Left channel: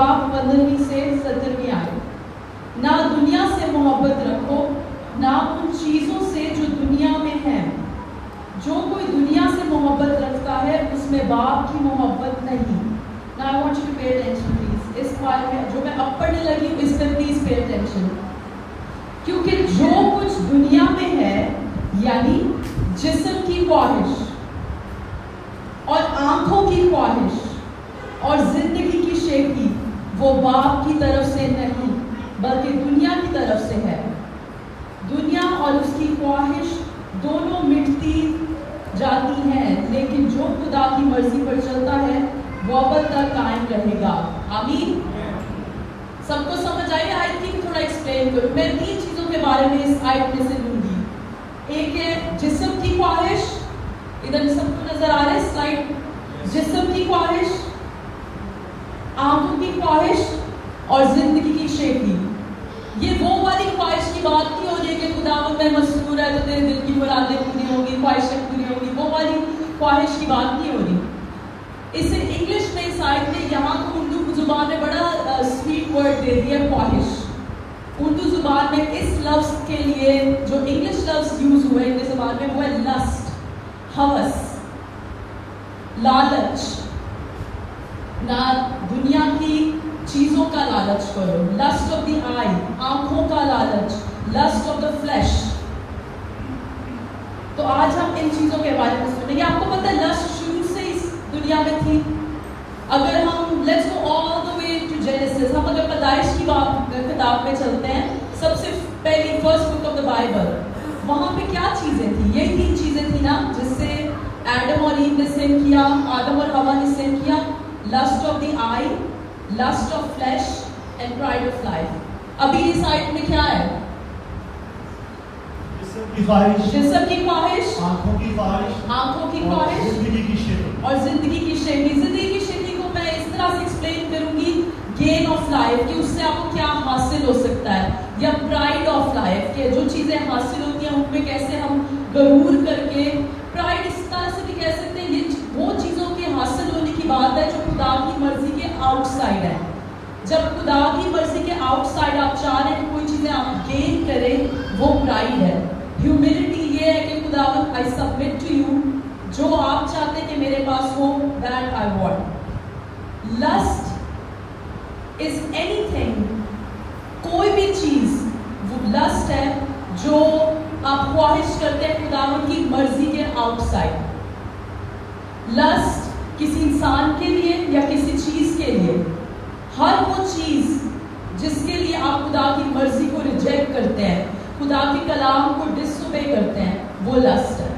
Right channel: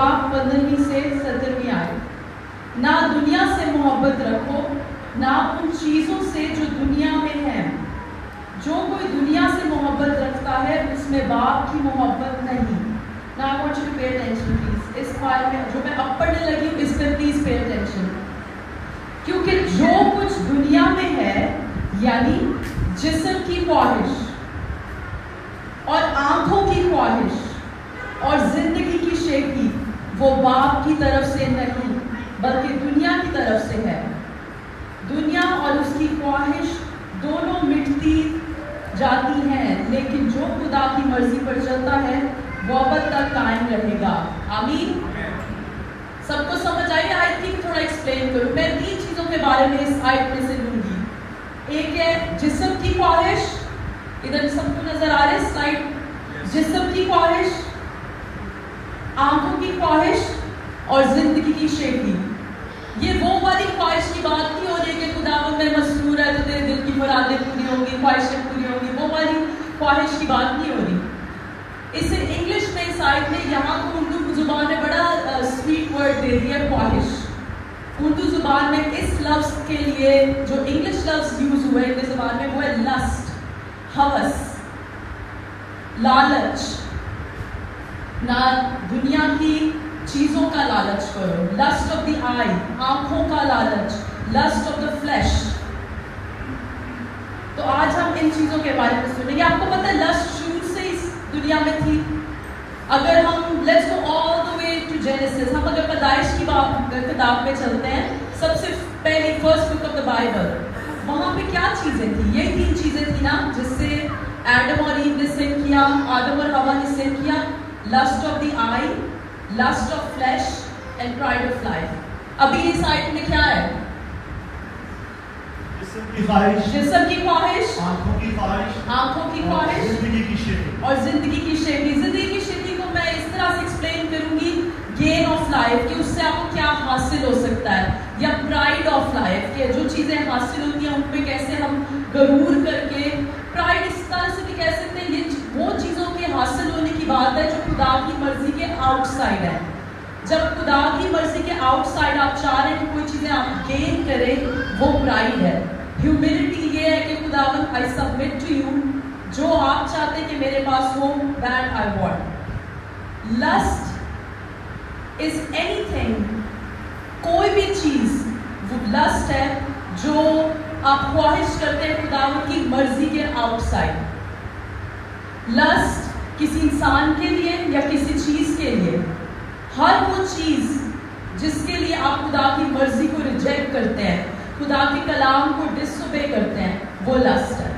बाब 15 से 17 आयत, ना दुनिया से मोहब्बत रखो ना उन चीजों से जो दुनिया में है, जो कोई दुनिया से मोहब्बत रखता है उसमें बाप की मोहब्बत नहीं। Now I want you to pay attention please. इस बार में जो मैं अब पढ़ने लगी हूँ इस पर प्लीज पे अटेंशन, क्योंकि जो कुछ दुनिया में है यानी जिस्म की ख्वाहिश और आंखों की ख्वाहिश और जिंदगी की शेखी, वो बाप की तरफ से नहीं बल्कि दुनिया की तरफ से है। दुनिया और उसकी ख्वाहिश दोनों मिटती जाती हैं, लेकिन जो खुदा की मर्जी पर चलता है वो अब तक कायम रहेगा। आमीन। सबको समझ आई? आई थिंक थोड़ा एक्सप्लेन करूं। मैं 3 चीजों के बारे में इस आयत में से लूंगी। एक है जिस्म की ख्वाहिश, इधर सबको नजर आ रहा है स्लाइड, जिस्म की ख्वाहिश, आंखों की ख्वाहिश और जिंदगी की शेखी। ये वो वाली ख्वाहिश की बात नहीं हो रही कि खुदा में मसरूर है तो तेरे दिल की मुरादें पूरी होगी, ख्वाहिशें पूरी होगी, वो वाली ख्वाहिश की बात नहीं हो रही। इसे इंग्लिश में इस आयत में यहाँ को उर्दू जुबान में बड़ा स्वीट वर्ड दे दिया ख्वाहिश। उर्दू जुबान में इस लफ्ज के लिए जो इंग्लिश लफ्ज यूज हुआ है हिंदी जुबान में वो है लस्ट, हवस, लालच। ना दुनिया की चीजों का लालच करो, लस्ट ऑफ द आई, आंखों का लालच, लस्ट ऑफ द फ्लैश। तो आज हम इन चीजों के बारे में सुनेंगे। आपको पता है लस्ट शुरू से इस दुनिया में थी। अगर हम let's go all the way to Genesis, हम अगर पैदाइश की किताब में चलते हैं, सबसे पहले first book of the Bible, वहां पे क्या चीजें थी? ये 3 चीजें थी ना जिससे एडम और ईव ने सिन किया, आदम और हवा ने सिन किया, lust of the eye, lust of flesh and pride of life. अभी इस आयत में क्या है? जिस्म की ख्वाहिश, जिस्म की ख्वाहिश, आंखों की ख्वाहिश, आंखों की ख्वाहिश, जिंदगी की शेखी और जिंदगी की शेखी। जिंदगी की शेखी को मैं इस तरह से एक्सप्लेन करूंगी, गेन ऑफ लाइफ, कि उससे आपको क्या हासिल हो सकता है, या प्राइड ऑफ लाइफ, के जो चीजें हासिल होती हैं उनमें कैसे हम गरूर करके, प्राइड इस तरह से भी कह सकते हैं, ये वो चीजों के हासिल होने की बात है जो खुदा की मर्जी के आउटसाइड है। जब खुदा की मर्जी के आउटसाइड आप चाह रहे हैं कोई चीजें आप गेन करें, वो प्राइड है। ह्यूमिलिटी ये है कि खुदावंद आई सबमिट टू यू, जो आप चाहते हैं कि मेरे पास हो, that I want. Lust is anything, कोई भी चीज वो लस्ट है जो आप ख्वाहिश करते हैं खुदावंद की मर्जी के आउटसाइड। लस्ट किसी इंसान के लिए या किसी चीज के लिए, हर वो चीज जिसके लिए आप खुदा की मर्जी को रिजेक्ट करते हैं, खुदा के कलाम को डिसओबे करते हैं, वो लस्ट है।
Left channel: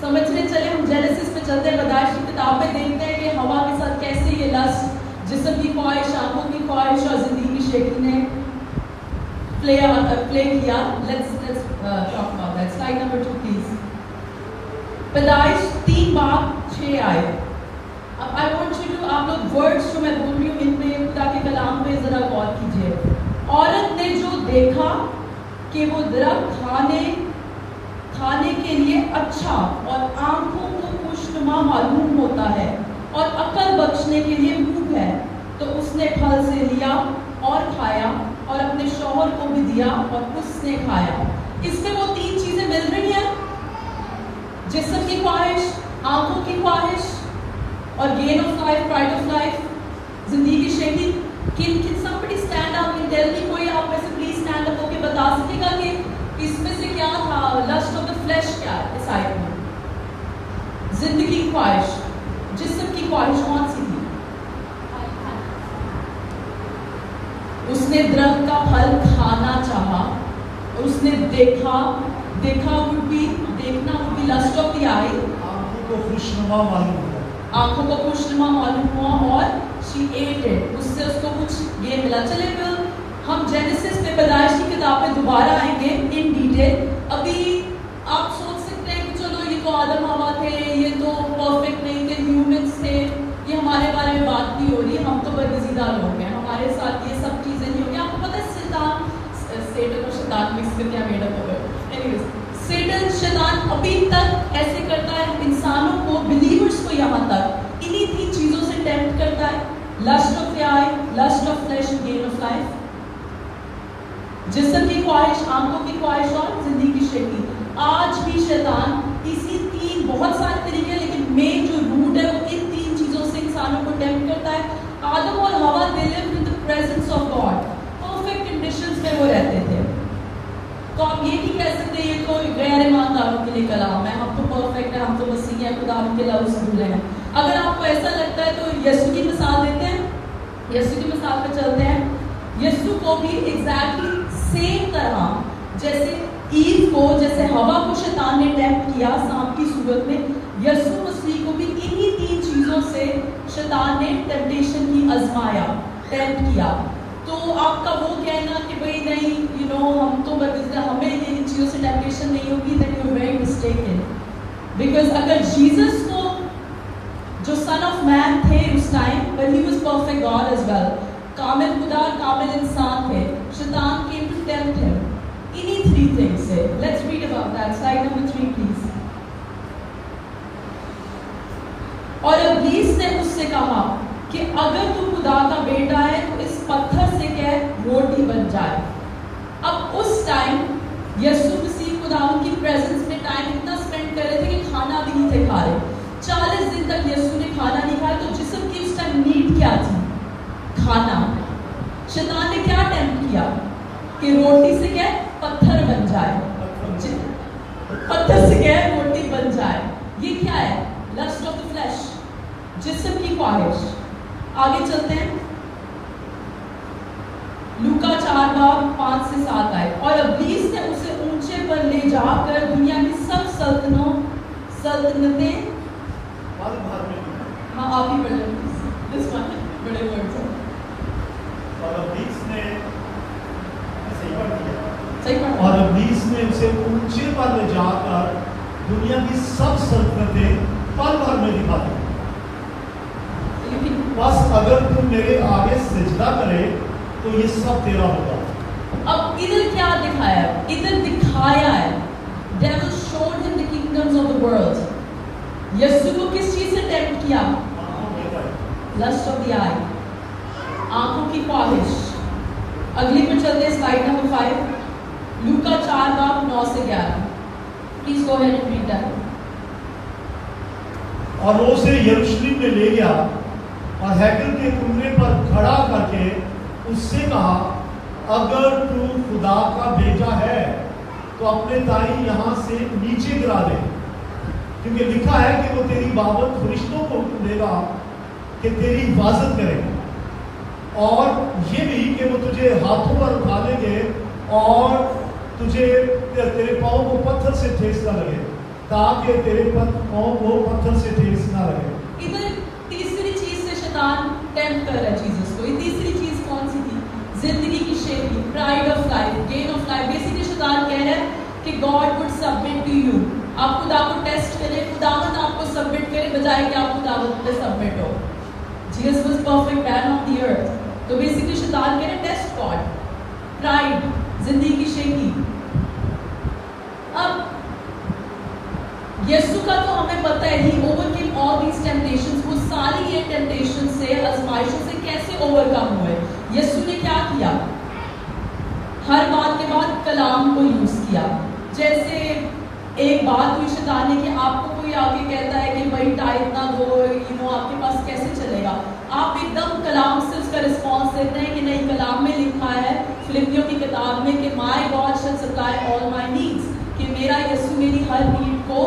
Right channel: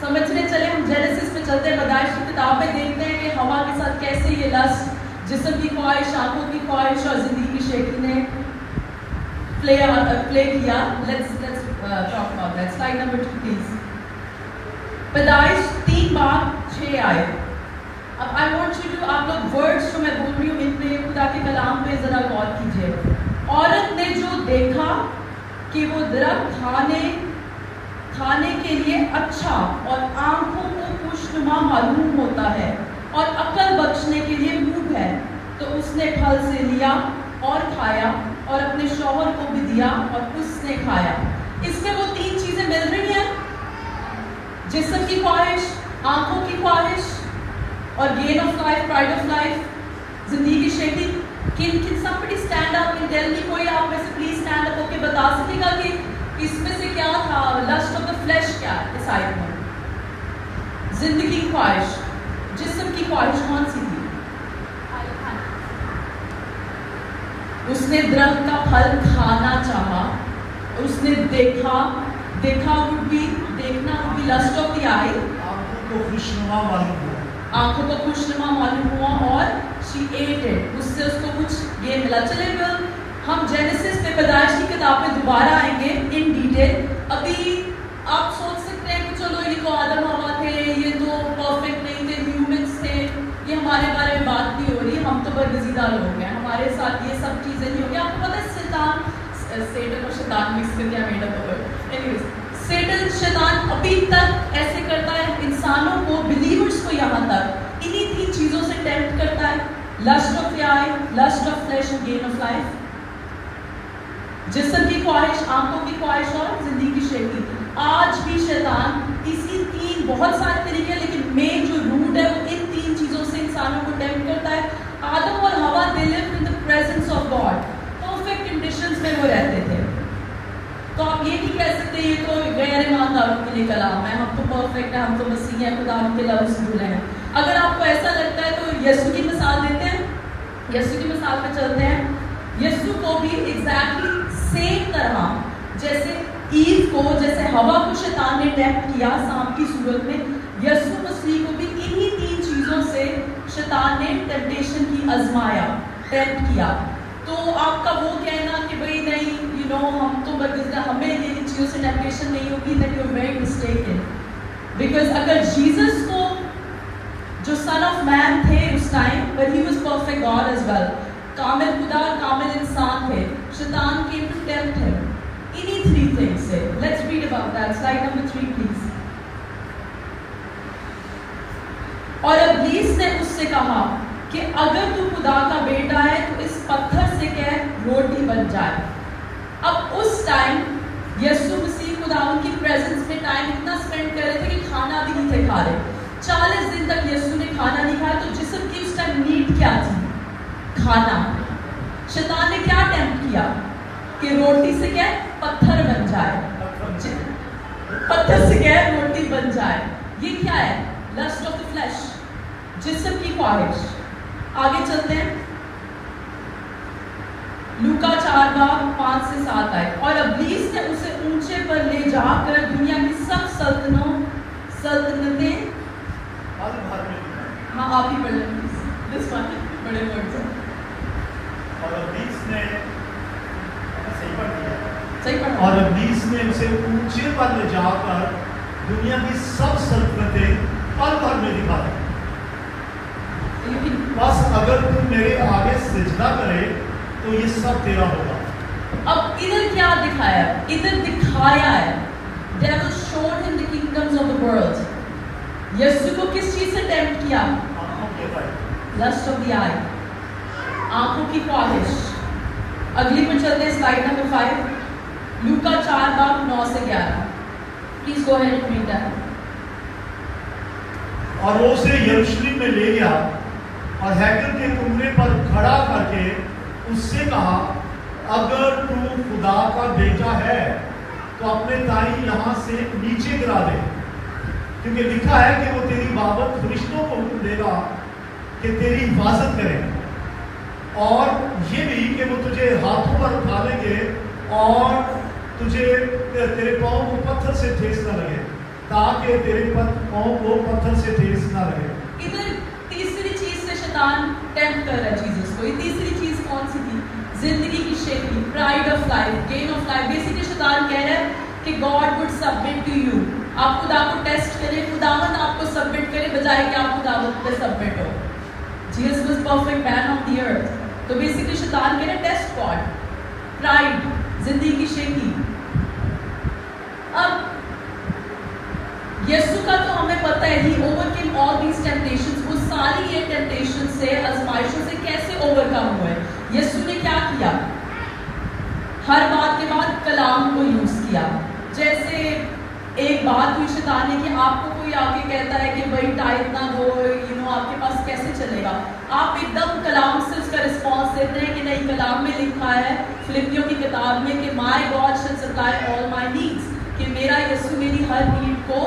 समझने चले हम जेनेसिस पे चलते हैं, पैदाइश की किताब में देखते हैं कि हवा के साथ कैसे ये लस्ट, जिस्म की ख्वाहिश, आंखों की ख्वाहिश और जिंदगी की शेखी ने प्ले किया। Let's talk about that. Slide number 2 please. पैदाइश 3 बाब 6 आए। अब आई वांट यू टू, आप लोग वर्ड्स जो मैं बोल रही हूँ इनमें खुदा के कलाम पे जरा गौर कीजिए। औरत ने जो देखा कि वो दरख्त खाने के लिए अच्छा और आंखों को खुशनुमा मालूम होता है और अकल बख्शने के लिए मुंह है, तो उसने फल से लिया और खाया और अपने शौहर को भी दिया और उसने खाया। इसमें वो 3 चीजें मिल रही हैं, जिस्म की ख्वाहिश, आंखों की ख्वाहिश और gain of life, pride of life, जिंदगी की शेखी। Can somebody stand up and tell me, कोई आप में से प्लीज स्टैंड अप होके बता सकेगा कि इसमें से क्या था? लस्ट ऑफ द फ्लैश क्या है इस आयत में? जिंदगी की ख्वाहिश, जिस्म की ख्वाहिश कौन सी थी? उसने दरख्त का फल खाना चाहा, उसने देखा would be, देखना would be lust of the eye, आंखों को खुशनुमा मालूम हुआ, आंखों को खुशनुमा मालूम हुआ और she ate it, उससे उसको कुछ ये मिला। चले हम जेनेसिस में पैदाइश की किताब में दोबारा आएंगे इन डिटेल। अभी आप सोच सकते हैं कि चलो ये तो आदम हवा थे, ये तो परफेक्ट नहीं थे, ह्यूमंस थे, ये हमारे बारे में बात नहीं हो रही, हम तो बदगजीदा लोग हैं, हमारे साथ ये सब चीजें नहीं होगी। आपको पता है सेटन और शैतान मिक्स करके मेड अप हो गए। एनीवेज, सेटन शैतान अभी तक ऐसे करता है इंसानों को, बिलीवर्स को, यहाँ तक इन्हीं 3 चीजों से टेम्प्ट करता है। lust of the eye, lust of flesh and gain of life. जिस्म की ख्वाहिश, आंखों की ख्वाहिश और जिंदगी की शेखी। आज भी शैतान इसी तीन, बहुत सारे तरीके, लेकिन मेन जो रूट है वो इन तीन चीजों से इंसानों को टेम्प्ट करता है। आदम और हवा they lived in the presence of God, perfect conditions में वो रहते थे। तो आप ये नहीं कह सकते ये तो गैर ईमानदारों के लिए कलाम है, हम तो परफेक्ट है, हम तो मसीह हैं, खुदा के लफ्ज़ से जुड़े हैं। अगर आपको ऐसा लगता है तो यीशु की मिसाल देते हैं, यीशु की मिसाल पे चलते हैं। यीशु को भी एग्जैक्टली सेम तरह जैसे ईव को, जैसे हवा को शैतान ने टेम्प्ट किया सांप की सूरत में, यीशु मसीह को भी इन्हीं तीन चीजों से शैतान ने टेम्पटेशन की आजमाया, टेम्प्ट किया। तो आपका वो कहना कि भाई नहीं हम तो हमें इन चीजों से टेम्पटेशन नहीं होगी, that you are very mistaken. Because अगर जीसस को जो सन ऑफ मैन थे उस time, but he was perfect God as well, कामिल खुदा, कामिल इंसान थे, शैतान केम टू टेम्प्ट हिम इन्हीं थ्री थिंग्स से। Let's read about that, slide number 3 please. और इब्लीस ने उससे कहा कि अगर तू खुदा का बेटा है तो इस पत्थर से कह रोटी बन जाए। अब उस टाइम यीशु मसीह खुदा की प्रेजेंस में टाइम इतना स्पेंड कर रहे थे कि खाना भी नहीं थे खा रहे। 40 दिन तक यीशु ने खाना नहीं खाया। तो जिस्म की उस टाइम नीड क्या थी? खाना। शैतान ने क्या टेम्प्ट किया कि रोटी से क्या पत्थर बन जाए, पत्थर से क्या रोटी बन जाए। ये क्या है? लस्ट ऑफ द फ्लैश, जिस्म की ख्वाहिश। आगे चलते हैं, लूका 4:5 से 7 आए। और इब्लीस ने उसे ऊंचे पर ले जाकर दुनिया की सब सल्तनतें, हाँ आप ही पढ़ लें बड़े वर्ड्स हैं। और इब्लीस ने सही पढ़ा। और इब्लीस ने उसे ऊंचे पर ले जाकर दुनिया की सब सल्तनतें पल भर में दिखा दी। बस अगर तुम मेरे आगे सजदा करे तो ये सब तेरा होगा। अब इधर क्या दिखाया? इधर दिखाया है devil showed him the kingdoms of the world। यीशु को किस चीज से टेम्प्ट किया? लस्ट ऑफ द आई, आंखों की ख्वाहिश। अगली पे चलते हैं, स्लाइड नंबर 5, लूका 4:9 से 11। Please go ahead and read that. और वो उसे यरूशलेम में ले गया और हैकल के कुएं पर खड़ा करके उससे कहा, अगर तू खुदा का बेटा है तो अपने ताई यहाँ से नीचे गिरा दे, क्योंकि लिखा है कि वो तेरी बाबत फरिश्तों को हुक्म देगा कि तेरी हिफाजत करें, और ये भी कि वो तुझे हाथों पर उठा लेंगे और तुझे तेरे पाँव को पत्थर से ठेस न लगे, ताकि तेरे पाँव को पत्थर से ठेस न लगे। इधर तीसरी चीज से शैतान टेम्प्ट कर रहा है जीसस को। ये तीसरी चीज कौन सी थी? जिंदगी की शेखी, pride of life, gain of life. Basically शैतान कह रहा है कि God would submit to you. आप खुदा को टेस्ट करें, खुदावंद आपको सबमिट करे, बजाय कि आप खुदावंद पे सबमिट हो। Jesus was perfect man of the earth. तो बेसिकली शैतान कह रहा है टेस्ट गॉड, प्राइड, जिंदगी की शेखी। अब यीशु का तो हमें पता है, ही ओवरकेम ऑल दीस टेम्पटेशंस। वो सारी ये टेम्पटेशन से, आजमाइशों से कैसे ओवरकम हुए? यीशु ने क्या किया? हर बात के बाद कलाम को यूज किया। जैसे एक बात हुई शैतान ने कि आपको कोई आके कहता है कि भाई टाइप ना दो, आपके पास कैसे चलेगा? आप एकदम कलाम से उसका रिस्पॉन्स देते हैं कि नहीं, कलाम में लिखा है फिलिपियों की किताब में कि my God shall supply all my needs, कि मेरा यीशु मेरी हर नीड को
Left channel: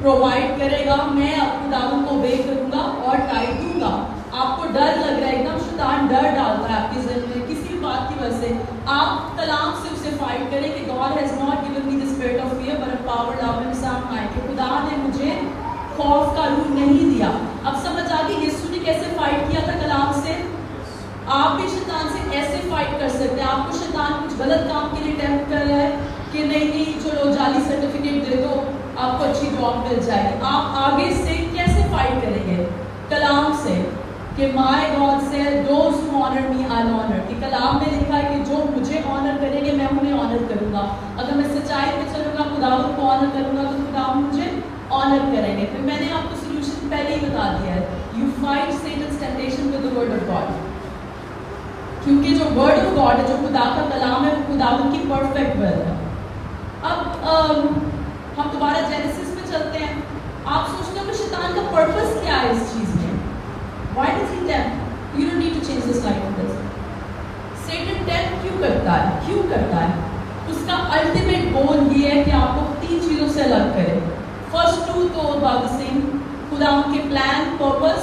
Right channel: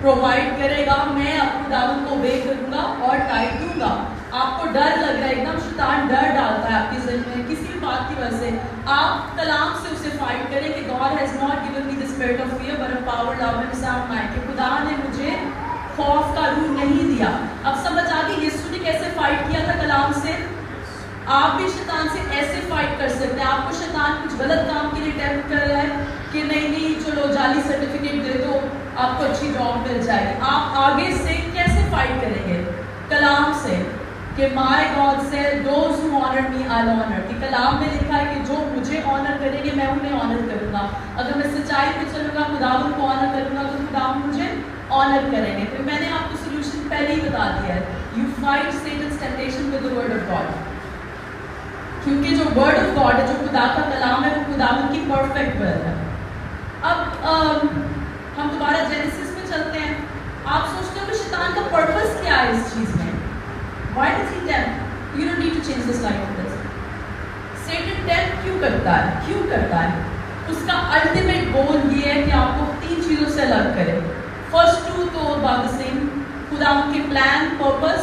प्रोवाइड करेगा, मैं खुदावंद को obey करूंगा और टाइप दूंगा। आपको डर लग रहा है, एकदम शैतान डर डालता है आपके ज़हन में किसी भी बात की वजह से, आप कलाम से उसे फाइट करें कि God has not given me the spirit of fear but a power, love and sound mind, कि खुदा ने मुझे खौफ का रूह नहीं दिया। अब समझ आ गई यीशु ने कैसे फाइट किया था कलाम से? आप भी शैतान से ऐसे फाइट कर सकते हैं। आपको शैतान कुछ गलत काम के लिए टेम्प्ट कर रहा है कि नहीं चलो जाली सर्टिफिकेट दे दो, आपको अच्छी जॉब मिल जाएगी। आप आगे से कैसे फाइट करेंगे? कलाम से, कि my God says those who honour me I honour, कि कलाम में लिखा है कि जो मुझे ऑनर करेंगे मैं उन्हें ऑनर करूंगा। अगर मैं सच्चाई पे चलूंगा, खुदावंद को ऑनर करूंगा, तो खुदावंद मुझे ऑनर करेंगे। फिर मैंने आपको सोल्यूशन पहले ही बता दिया है, you fight Satan's temptation with the word of God। Word of God है, जो खुदा का कलाम है, वो खुदावन की परफेक्ट विल है। अब हम दोबारा जेनेसिस में चलते हैं। आप सोचते हो कि शैतान का पर्पस क्या है इस चीज में? Why does he tempt? You don't need to change the slide on this. Satan tempt क्यों करता है? क्यों करता है? उसका अल्टीमेट गोल ये है कि आपको 3 चीजों से अलग करे। फर्स्ट 2 तो about the same, खुदा के प्लान, पर्पस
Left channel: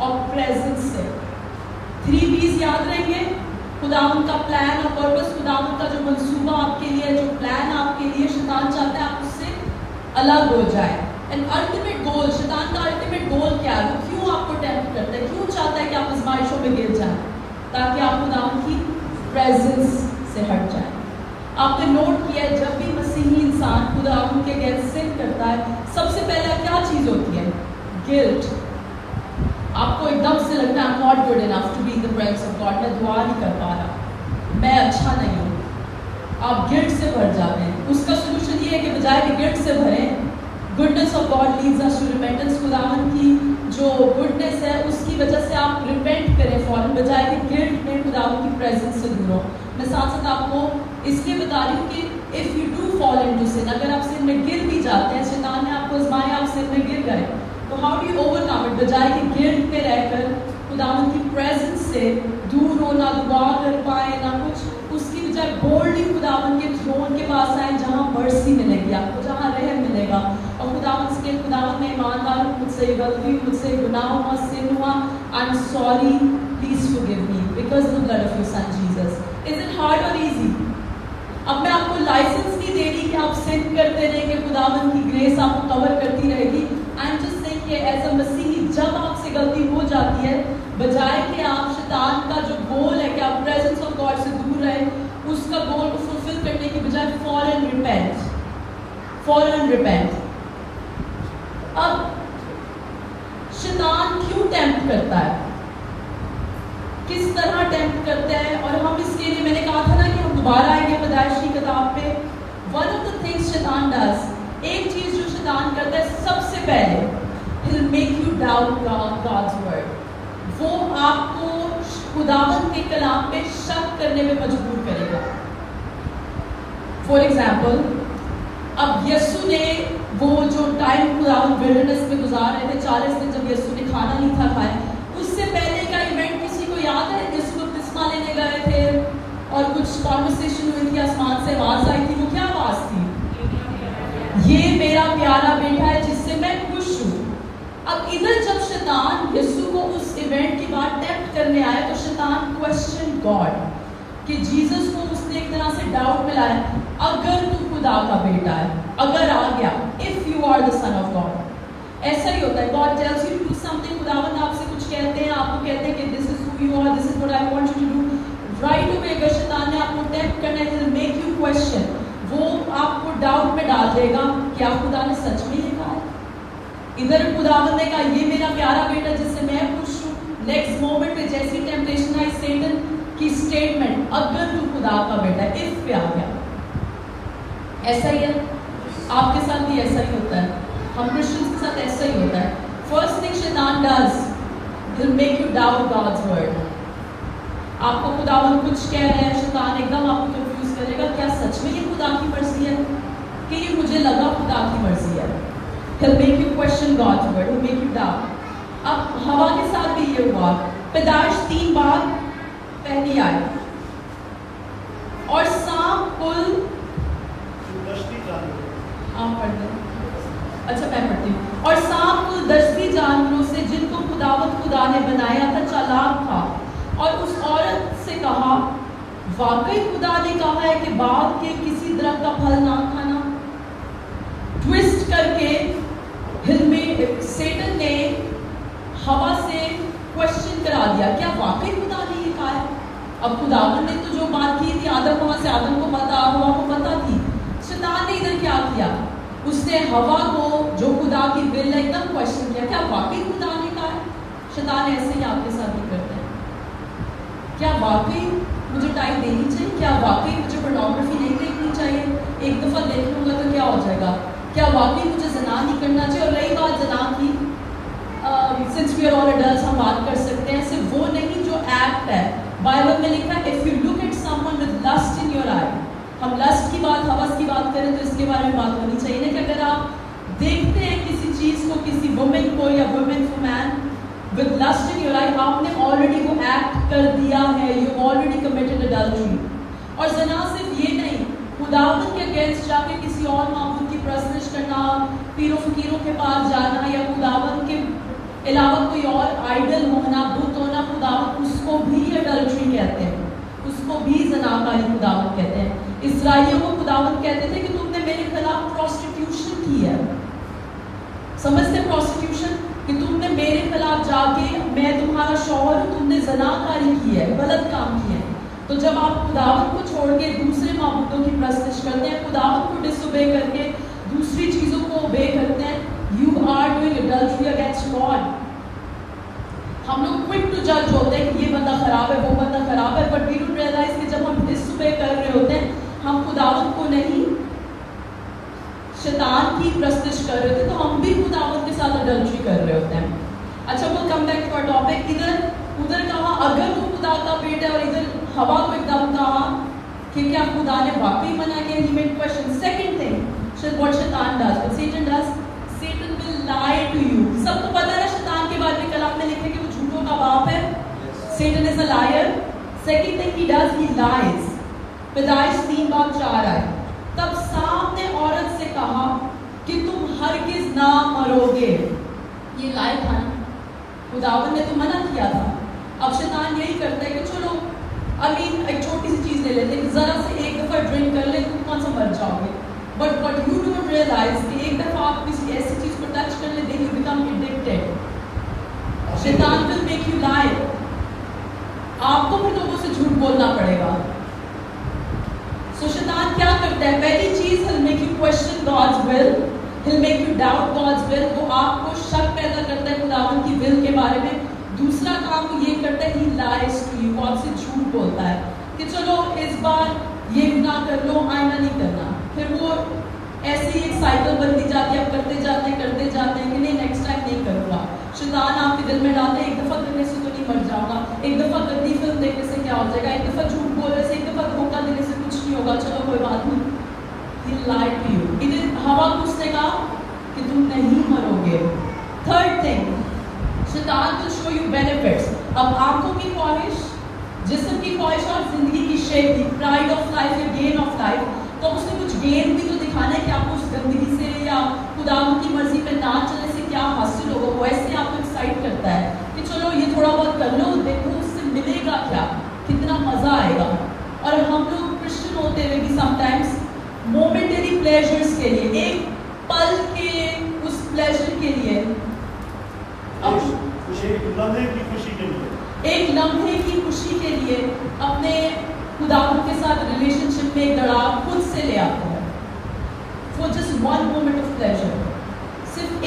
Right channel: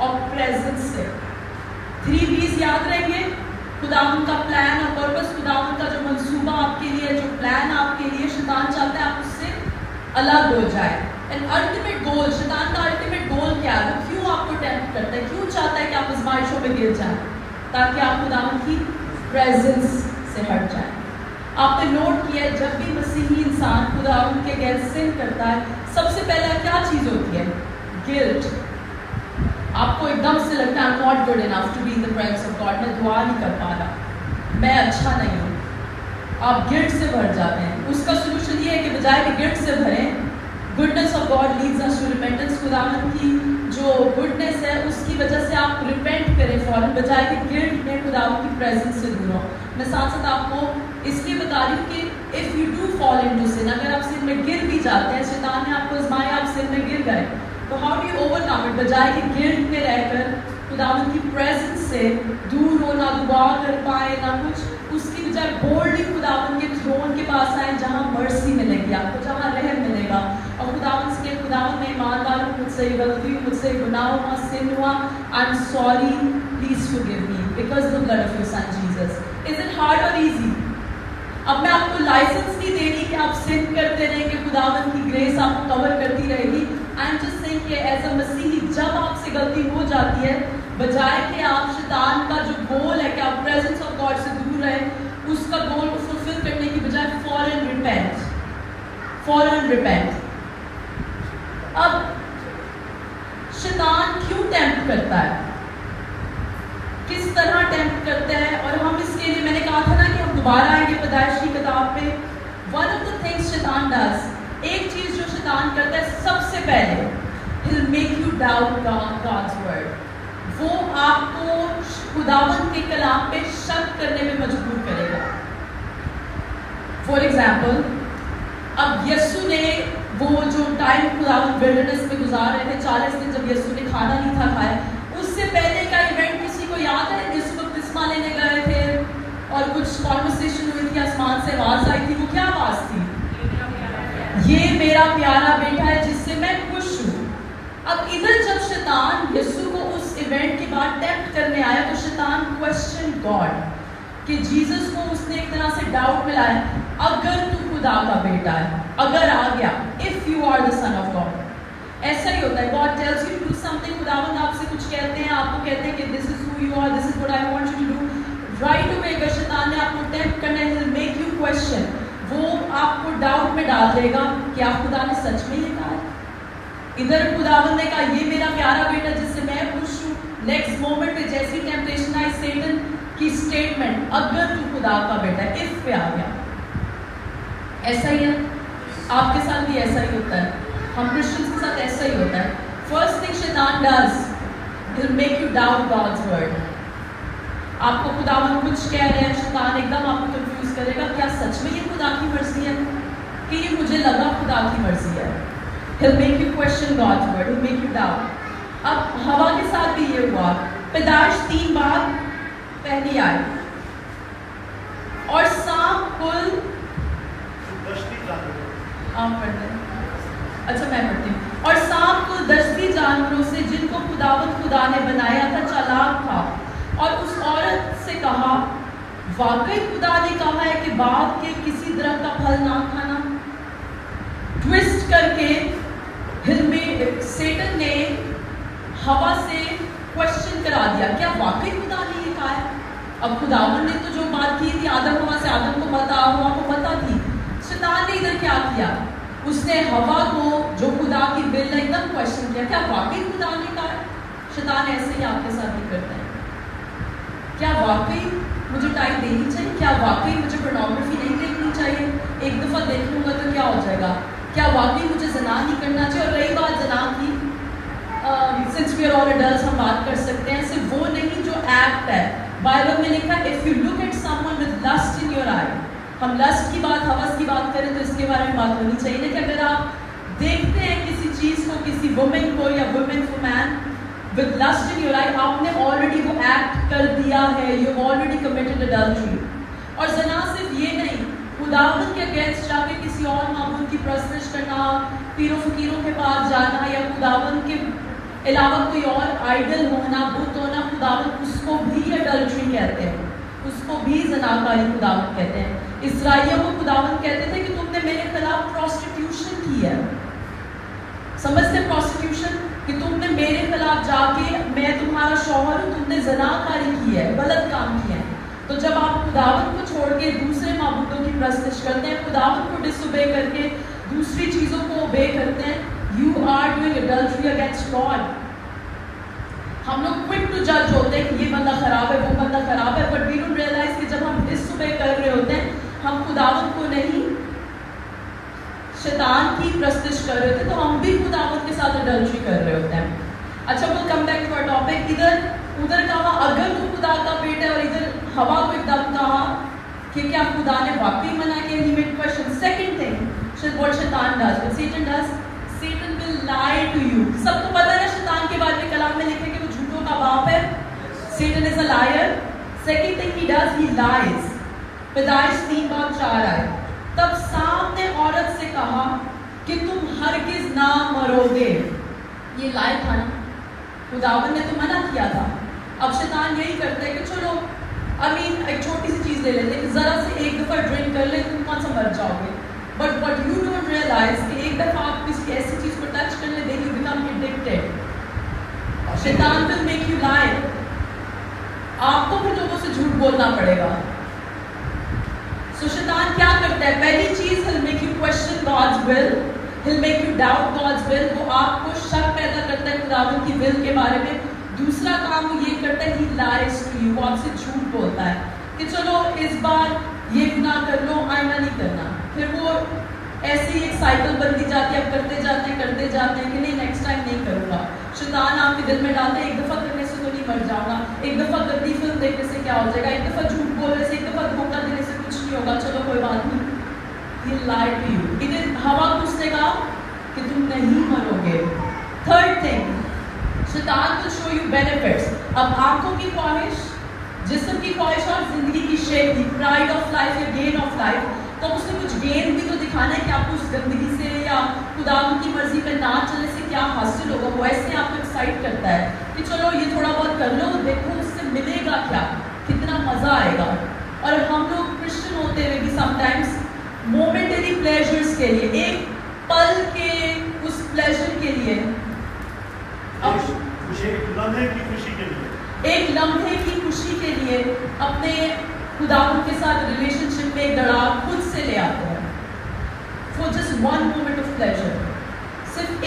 और प्रेजेंस से। 3 B's याद रहेंगे, खुदावन का प्लान और पर्पस, खुदावन का जो मंसूबा आपके लिए, जो प्लान आपके लिए, शैतान चाहता है आप उससे अलग हो जाए। एंड अल्टीमेट गोल, शैतान का अल्टीमेट गोल क्या है? वो क्यों आपको टेम्प्ट करता है? क्यों चाहता है कि आप आज़माइशों में गिर जाएं? ताकि आप खुदावन की प्रेजेंस से हट जाएं। आपने नोट किया है, जब भी मसीही इंसान खुदावन के अगेंस्ट सिन करता है, सबसे पहले क्या चीज होती है? गिल्ट। आपको एकदम से लगता है I am not good enough to be in the presence of God, मैं दुआ नहीं कर पा रहा, मैं अच्छा नहीं हूँ। आप गिल्ट से भर जाते हैं। उसका सोल्यूशन ये है कि बजाय कि गिल्ट से भरें, goodness of God leads us to repentance, खुदावन की जो गुडनेस है उसकी वजह से आप रिपेंट करें फौरन, बजाय कि गिल्ट में खुदावन की प्रेजेंस से दूर हो। मैं साथ साथ आपको इसलिए बता रही हूँ कि if you do fall into sin, अगर आप सिन में गिर भी जाते हैं, शैतान ने आपको आजमाया, आप सिन में गिर गए, तो how do you overcome it? बजाय कि गिल्ट में रहकर खुदावन की प्रेजेंस से दूर हो, ना दुआ कर पाए ना कुछ, उसकी बजाय बोल्डली खुदावन के थ्रोन के पास आए, जहाँ मर्सी मिलेगी आपको, जहाँ रहम मिलेगा, और खुदावन से खुदावन में ईमानदार हूँ, मुझसे ये गलती, मुझसे गुनाह हुआ, सिन हुआ, I am sorry, please forgive me because of the blood of your son Jesus. Is it hard और इजी? अब मैं आपको लाइसेंस नहीं दे रही कि आप सिन करते रहेंगे, खुदावन की ग्रेस आपको कवर करती रहेगी। आई एम जस्ट सेइंग कि एज अ मसीही जब आपसे गलती हो जाती है, बजाय कि आप शैतान का जो गोल है कि आप प्रेजेंस ऑफ गॉड से दूर रहे, उसका गोल को फुलफिल करने की बजाय फॉरन रिपेंट, फॉरन रिपेंट। अब शैतान क्यों टेम्प्ट करता है, किस तरह टेम्प्ट करते हैं, और हम इसके लिए, मैंने कहा था ना कि हम दोबारा आएंगे पैदाइश की किताब पे। वन ऑफ द थिंग्स शैतान डज, एक चीज जो शैतान करता है, सबसे पहले he'll make you doubt God's word, वो आपको खुदावन के कलाम पे शक करने में मजबूर करेगा। फॉर एग्जाम्पल, अब यीशु ने वो जो टाइम खुदावन विल्डरनेस में गुजार रहे थे, 40 दिन जब यीशु ने खाना नहीं था खाया, उससे पहले का इवेंट किसी को याद है? यीशु बपतिस्मा लेने गए थे और कुछ कॉन्वर्सेशन हुई थी, आसमान से आवाज आई थी, वो क्या आवाज थी? ये मेरा प्यारा बेटा है जिससे मैं खुश हूँ। अब इधर जब शैतान यीशु को उस इवेंट के बाद टेम्प्ट करने आया, तो शैतान क्वेश्चन गॉड कि जीसस को उसने एक तरह से डाउट में लाया, अगर तू खुदा का बेटा है, अगर आ गया, if you are the son of God. ऐसा ही होता है, God tells you to do something, खुदावंद आपसे कुछ कहते हैं, आपको कहते हैं कि this is who you are, this is what I want you to do. Right away अगर शैतान ने आपको टेम्प्ट करना है, विल मेक यू क्वेश्चन, वो आपको डाउट में डाल देगा कि आप खुदा ने सच में ये कहा। इधर खुदावंद ने कहा ये मेरा प्यारा बेटा जिससे मैं खुश हूँ, नेक्स्ट मोमेंट पे जैसी टेम्पटेशन आई, सैटन की स्टेटमेंट, अगर तू खुदा का बेटा, इफ पे आ गया। ऐसा ही है, आपके साथ भी ऐसा ही होता है, हम क्रिश्चियंस के साथ ऐसा ही होता है। फर्स्ट थिंग शैतान does, he will make you doubt God's word। आपको खुदावन कुछ कह रहे हैं, शैतान एकदम आपको कंफ्यूज करेगा, क्या सच में ये खुदा की मर्जी है कि ये मुझे लगा खुदा की मर्जी है। He'll make you question God's word, he'll make you doubt। अब हवा के साथ भी ये हुआ, पैदाइश 3 बार पहली आई, और सांप कुल आप पढ़ दें, अच्छा मैं पढ़ती हूँ। और सांप कुल 10 जानवरों से जिनको खुदा ने बनाया था चालाक था, और उस औरत से कहा, वाकई खुदा ने कहा है कि बाग के किसी दरख्त का फल ना खाना। ट्विस्ट करके सैटन ने हवा से क्वेश्चन करा दिया, क्या वाकई खुदा ने ये कहा है? अब खुदावन ने तो जो बात की थी, आदम वहां से आदम को पता, हवा को पता थी। शैतान ने इधर क्या किया, उसने हवा को जो खुदा की विल है एकदम क्वेश्चन किया, क्या वाकई खुदा ने कहा है? शैतान ऐसे ही आपके साथ भी करता है, क्या वाकई मुझे टाइम देनी चाहिए, क्या वाकई मुझे पोर्नोग्राफी नहीं देखनी चाहिए, एक दफा देख लूंगा तो क्या हो जाएगा, क्या वाकई मुझे ज़ना नहीं करना चाहिए। और रही बात ज़ना की, since we are all adults हम बात कर सकते हैं, सिर्फ वो नहीं जो एक्ट है, बाइबल में लिखा है, इफ यू लुक ہم لسٹ کی بات، ہوس کی بات کریں تو اس کے بارے میں بات ہونی چاہیے نا کہ اگر آپ دیکھتے ہیں کسی چیز کو، کسی وومن کو یا وومن کو مین with lust in your life، آپ نے already وہ ایکٹ کر دیا ہے، you have already committed adultery۔ اور زنا صرف یہ نہیں، خداوند کے اگینسٹ جا کے کسی اور معبود کی پرستش کرنا، پیروں فقیروں کے پاس جانا یا خداوند کے علاوہ کوئی اور آئیڈل ہونا، بت ہونا، خداوند اس کو بھی adultery کہتے ہیں، اس کو بھی زناکاری خداوند کہتے ہیں۔ اسرائیلیوں کو خداوند کہتے تھے کہ تم نے میرے خلاف پروسٹیٹیوشن کی ہے، سمجھتے پروسٹیٹیوشن کہ تم نے میرے خلاف جا کے، میں تمہارا شوہر ہوں، تم نے زناکاری کی ہے، غلط کام کیا ہے۔ تو جب آپ خداوند کو چھوڑ کے دوسرے معبودوں کی پرستش کرتے ہیں، خداوند کو ڈس اوبے کر کے دوسری چیزوں کو اوبے کرتے ہیں، you are doing adultery against God. ہم لوگ کوئک ٹو جج ہوتے ہیں کہ یہ بندہ خراب ہے، وہ بندہ خراب ہے، بٹ وی ڈونٹ ریئلائز کہ جب ہم ڈس اوبے کر رہے ہوتے ہیں، ہم خداوند کو نہیں شیطان کی پرستش کر رہے ہوتے، تو ہم بھی خداوند کے ساتھ ایڈلٹری کر رہے ہوتے ہیں۔ اچھا، وہ come back to our topic, ادھر کہا اگر وہ خدا کا بیٹا ہے، اور ادھر ہوا کو ایک دم کہا کہ کیا خدا نے واقعی منع کیا؟ He made question. Second thing what شیطان does، what Satan does، Satan will lie to you۔ سب کو پتہ ہے شیطان کے بارے میں کلام میں لکھے کہ وہ جھوٹوں کا باپ ہے، Satan is a liar۔ Second thing he does, he lies۔ پیدائش 3:4 آئے، تب سامنے عورت سے کہا کہ تم ہرگز نہ مرو گے۔ یہ لائے تھا نا، خداوند نے تو منع کیا تھا۔ اب شیطان یہی کرتا ہے کہ چلو ایک چھوٹی سی چیز لے لیتے ہیں، ذرا سے ایک دفعہ ڈرنک کر لیں تم کون سا مر جاؤ گے، but what you don't realize کہ ایک دفعہ آپ کسی ایسی چیز کو ٹچ کر لیں، دین یو بیکم ایڈکٹڈ۔ شیطان ول میک یو لائی، آپ کو پھر لوگوں سے جھوٹ بولنا پڑے گا۔ سو شیطان کیا کرتا ہے؟ پہلی چیز he'll make you question God's will، he'll make you doubt God's will، تو آپ کو شک پیدا کرتا ہے خداوند کی will کے بارے میں۔ دوسرا کام وہ یہ کرتا ہے he lies to you، وہ آپ سے جھوٹ بولتا ہے کہ چلو اس بار یہ گناہ کر لو، آئندہ نہیں کرنا۔ پھر وہ ایسی ایک سائیکل بنتی جاتی ہے، اب کرتے جاتے ہیں کہ نہیں نیکسٹ ٹائم نہیں کروں گا۔ شیطان آپ کے دل میں ڈالتا ہے ایک دفعہ کرنے سے تو نہیں مر جاؤں گا، ایک دفعہ گندی فلم دیکھنے سے کیا ہو جائے گا، ایک دفعہ جھوٹ بولنے سے، ایک دفعہ دھوکہ دینے سے کچھ نہیں ہوگا، چلو کوئی بات نہیں۔ He lied to you۔ ادھر ہوا کو اس نے کہا کہ تم نہیں مرو گے۔ تھرڈ تھنگ، شیطان will show you benefits۔ اب آنکھوں کی خواہش، جسم کی خواہش اور زندگی کی شیپ کی، پرائڈ آف لائف یا گین آف لائف، تو اس نے کچھ گین بھی تو دکھانا ہے کہ آپ کو اس گندگی سے یا خداوند کی مرضی پہ نہ چلنے سے کیا حاصل ہوگا۔ وہ ایسے آپ کو ایکسائٹ کرتا ہے کہ چلو یہ تھوڑا بہت کر لو، دیکھو اس سے ملے گا کیا، کتنا مزہ آئے گا۔ اور ہم لوگ کرسچن ہوتے ہوئے بھی سم ٹائمس مومنٹری پلیزرز کے لیے، ایک پل کے اس پلیزر کے لیے، ایک لمحے کی خوشی کے لیے، ایک لمحے کی خوشی کے لیے اپنے خداوند کے ساتھ ریلیشن شپ میں دراڑ خود سے لے آتے ہیں۔ For just one moment of pleasure, صرف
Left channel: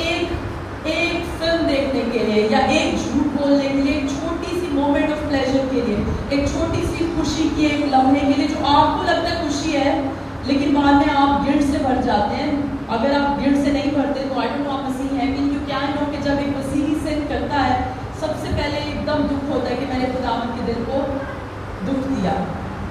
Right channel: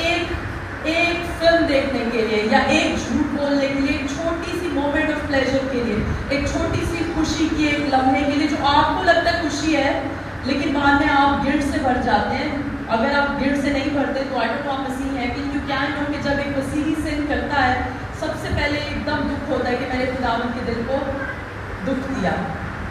ایک فلم دیکھنے کے لیے یا ایک جھوٹ بولنے کے لیے، ایک چھوٹی سی مومنٹ آف پلیزر کے لیے، ایک چھوٹی سی خوشی کی ایک لمحے کے لیے جو آپ کو لگتا ہے خوشی ہے، لیکن بعد میں آپ گلٹ سے بھر جاتے ہیں۔ اگر آپ گلٹ سے نہیں بھرتے تو آئی ڈونٹ نو آپ مسیحی ہیں کہ یو کین نو کہ جب ایک مسیحی سن کرتا ہے سب سے پہلے ایک دم دکھ ہوتا ہے کہ میں نے خداوند کے دل کو دکھ دیا۔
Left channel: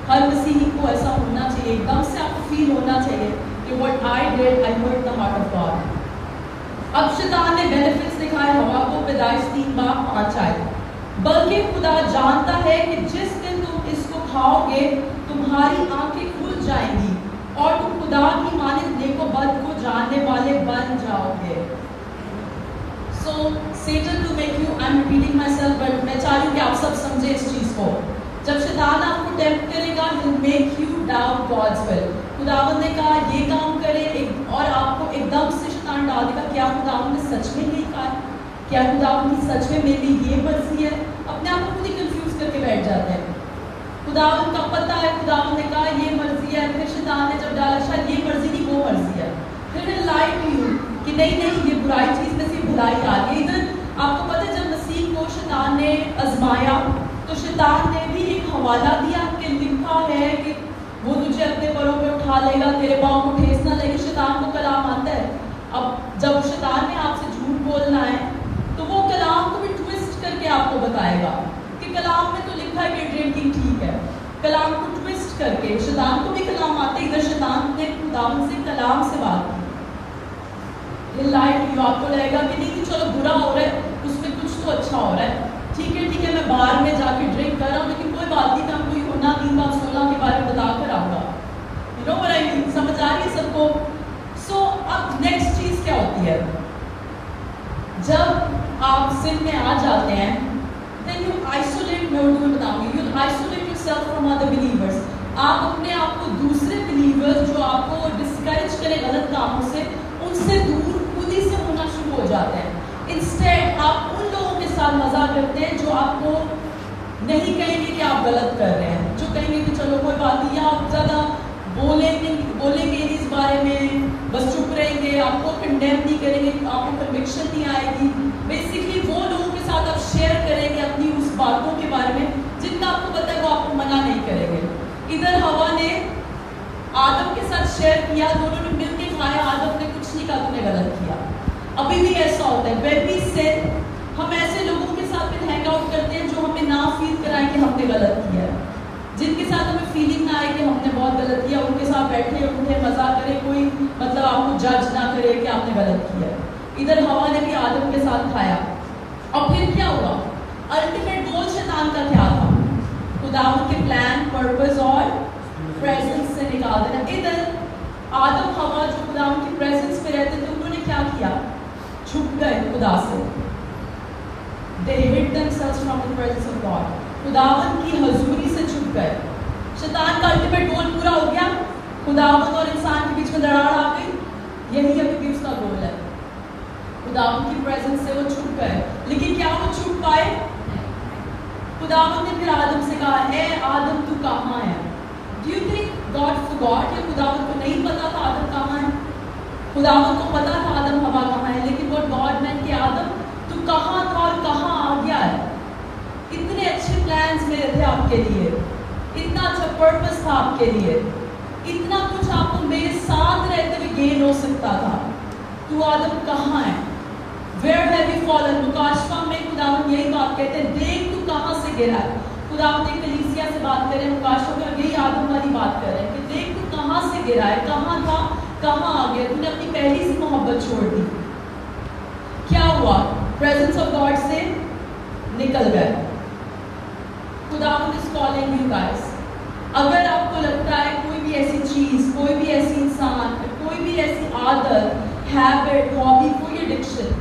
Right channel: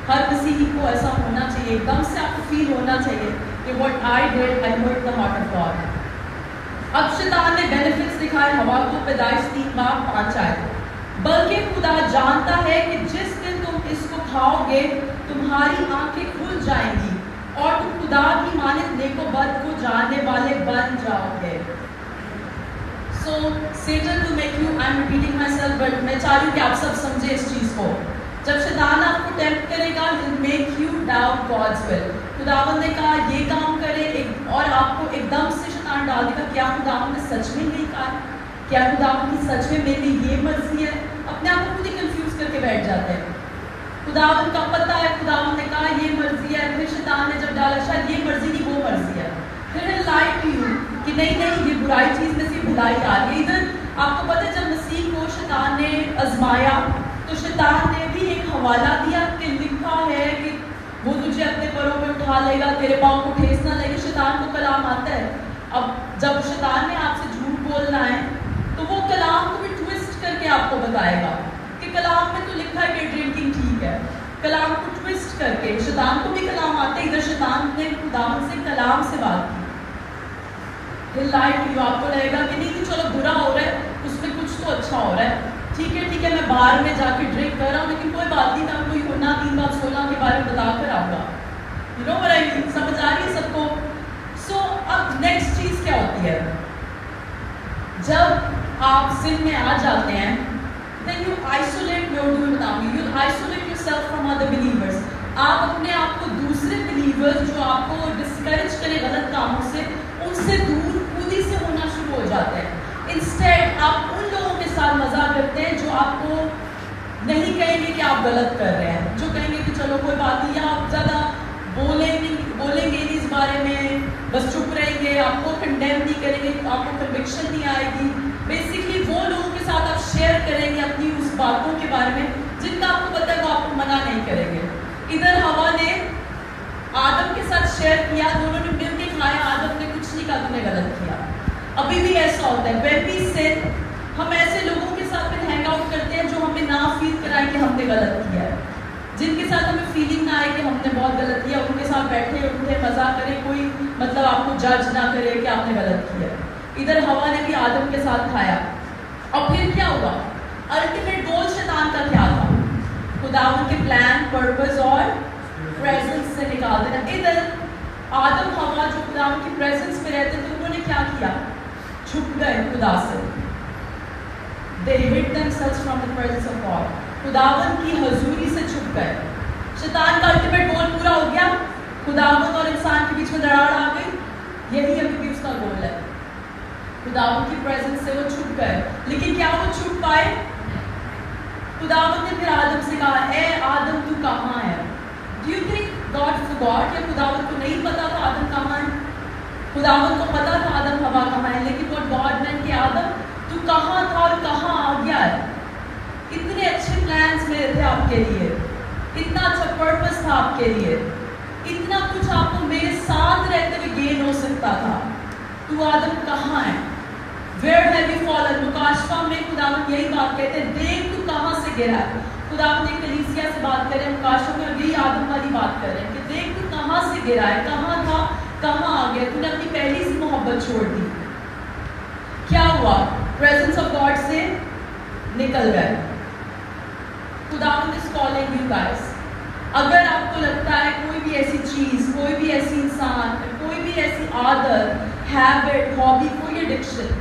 ہر مسیحی کو ایسا ہونا چاہیے، ایک دم سے آپ کو فیل ہونا چاہیے کہ what I did, I hurt the heart of God۔ اب شیطان نے بینیفٹس دکھائے ہوا کو، پیدائش 3:5 آئے، بلکہ خدا جانتا ہے کہ جس دن تم اس کو کھاؤ گے تمہاری آنکھیں کھل جائیں گی اور تم خدا کی مانند نیک و بد کو جاننے والے بن جاؤ گے۔ So Satan will make you، I'm repeating myself but میں چاہ رہی ہوں کہ آپ سب سمجھے اس چیز کو۔ جب شیطان آپ کو ٹیمپٹ کرے گا he'll make you doubt God's will۔ خداوند نے کہا یہ کام کرے، اور آپ کو ایک دم سے شیطان ڈال دے گا کیا خداوند نے سچ میں یہی کہا، کیا خداوند کی سچ میں میرے لیے یہ مرضی ہے؟ اپنے آپ کو خود ہی کنفیوز کر کے بیٹھ جاتے ہیں۔ خداوند کا پتہ ہے، خداوند نے کہا یہ مرضی ہے، پھر شیطان نے جب ڈالا شاید یہ مرضی نہیں وہ مرضی ہے، پھر he'll lie to you کہ نہیں یہ برائی چیز میں سے بھلائی آ رہی ہے۔ ادھر آپ کو پتہ ہے جب مسیح کو شیطان نے آزمایا تو شیطان نے بھی ایک حوالہ دیا کہ لکھا ہے کہ وہ تجھے اپنے پروں پہ اٹھا لے گا، تیرے پاؤں کو ٹھیس نہ لے گا۔ شیطان کو کلام آتا ہے۔ اب جب شیطان نے آپ سے جھوٹ بولنا ہے تو وہ کلام کو بھی ٹویسٹ کر کے آپ کو بتائے گا کہ کلام میں تو لکھا ہے کہ ڈرنکنگ ٹھیک ہے، کلام کو ٹویسٹ کر کے. شیطان کو بھی کلام آتے ہیں, ادھر شیطان نے خداوند سے کلام سے بات کی. آپ کو لگے گا کہ نہیں کہ چلو برا ہو رہا ہے, اس میں کچھ تو اچھا ہو رہا ہے, ٹھیک ہے میں باہر میں جا کے ڈرنک کر رہا ہوں, لیکن کوئی بات نہیں, میں آپ کو یوحنا 3:16 کے بارے میں بتا کر آؤں گا. سمجھ آ رہی ہے سب کو؟ سو اب نیکسٹ چیز کیا ہوتی ہے, جب آپ سن میں آ جاتے ہیں, then you isolate yourself from other believers. آپ اپنے آپ کو دوسرے بلیورز جو آپ کو ڈسکریج کرے غلط کاموں سے, ان سے دور خود ہی سے ہونا شروع ہو جاتے ہیں. انسٹیڈ آپ ان لوگوں کے ساتھ مزہ کرتے ہیں جو آپ کو نہیں کہیں گے کہ آپ غلط کر رہے ہیں, جو کہیں گے کہ چلو کوئی بات نہیں, آپ زیادہ بولیں گے نہیں اس بارے میں, بس چپ رہیں گے, آپ کو کنڈیم نہیں کریں گے, آپ کو کنوکشن نہیں آئے گی. بیسکلی وہ لوگوں کے ساتھ آپ شیئر کریں گے اپنی اس باتوں کے بارے میں جن کا آپ کو پتہ ہے وہ آپ کو منع نہیں کریں گے. ادھر ہوا نے آدم کے ساتھ شیئر کیا, دونوں نے مل کے کھایا, آدم نے کچھ نہیں کہا تم نے غلط کیا. ابھی بھی ایسا ہوتا ہے, when we sin, ہم ایسے لوگوں کے ساتھ پھر ہینگ آؤٹ کرتے ہیں جو ہمیں نہ فیل کرائیں کہ ہم نے غلط کیا ہے, جن کے ساتھ ہمیں فیلنگ نہ آئے کہ ہم نے بہت غلط کیا, ان کے ساتھ بیٹھے اٹھے مزہ کرے, کوئی مطلب آپ کو جج نہ کرے کہ آپ نے غلط کیا. ادھر ہوا نے بھی آدم کے ساتھ کھایا, اور پھر کیا ہوا؟ الٹیمیٹ گول شیطان کا کیا تھا؟ خداوند کے پلان, پرپس اور پریزنس سے نکال دینا. ادھر آدم ہوا جو خداوند کی پریزنس میں رہتے تھے, انہوں نے کیا کیا؟ چھپ گئے خدا سے. They hid themselves from the presence of God. خداوند کی حضوری سے چھپ گئے. شیطان کا الٹیمیٹ گول پورا ہو گیا, خداوند اور انسان کے بیچ میں دراڑ آ گئی. یہی ابھی بھی اس کا گول ہے. خداوند کی پریزنس سے وہ چھپ گئے, لیکن کیا وہ چھپ پائے؟ خداوند نے پھر آدم سے کہا, اے آدم تو کہاں ہے؟ Do you think God forgot, یا خداوند کو نہیں پتا تھا آدم کہاں ہے؟ خداوند کو پتا تھا آدم ہوا کہاں ہے, لیکن what God meant کہ آدم تو کہاں تھا اور کہاں آ گیا ہے؟ اتنے اچھے پلانز میرے تھے آپ کے لیے, اتنا اچھا پرپس تھا آپ کے لیے, اتنا کچھ آپ کو میرے ساتھ رہتے ہوئے گین ہو سکتا تھا, تو آدم کہاں ہے؟ Where have you fallen? مکاشفہ میں خداوند یہی بات کہتے ہیں, دیکھ تو کہاں سے گرا ہے. خداوند ایک کلیسیا سے بات کر رہے ہیں, مکاشفہ میں یہی آدم والی بات کر رہے ہیں کہ دیکھ تو کہاں سے گرا ہے, کہاں تھا, کہاں آ گیا, تو نے اپنی پہلی سی محبت چھوڑ دی. کیا ہوا؟ پریزنس آف گاڈ سے نکل گئے. خداوند is calling you guys. اگر آپ کو لگتا ہے کوئی بھی ایسی چیز, کوئی بھی ایسی انسان, کوئی بھی ایسی عادت, ہیبٹ, ہابی, کوئی ایڈکشن,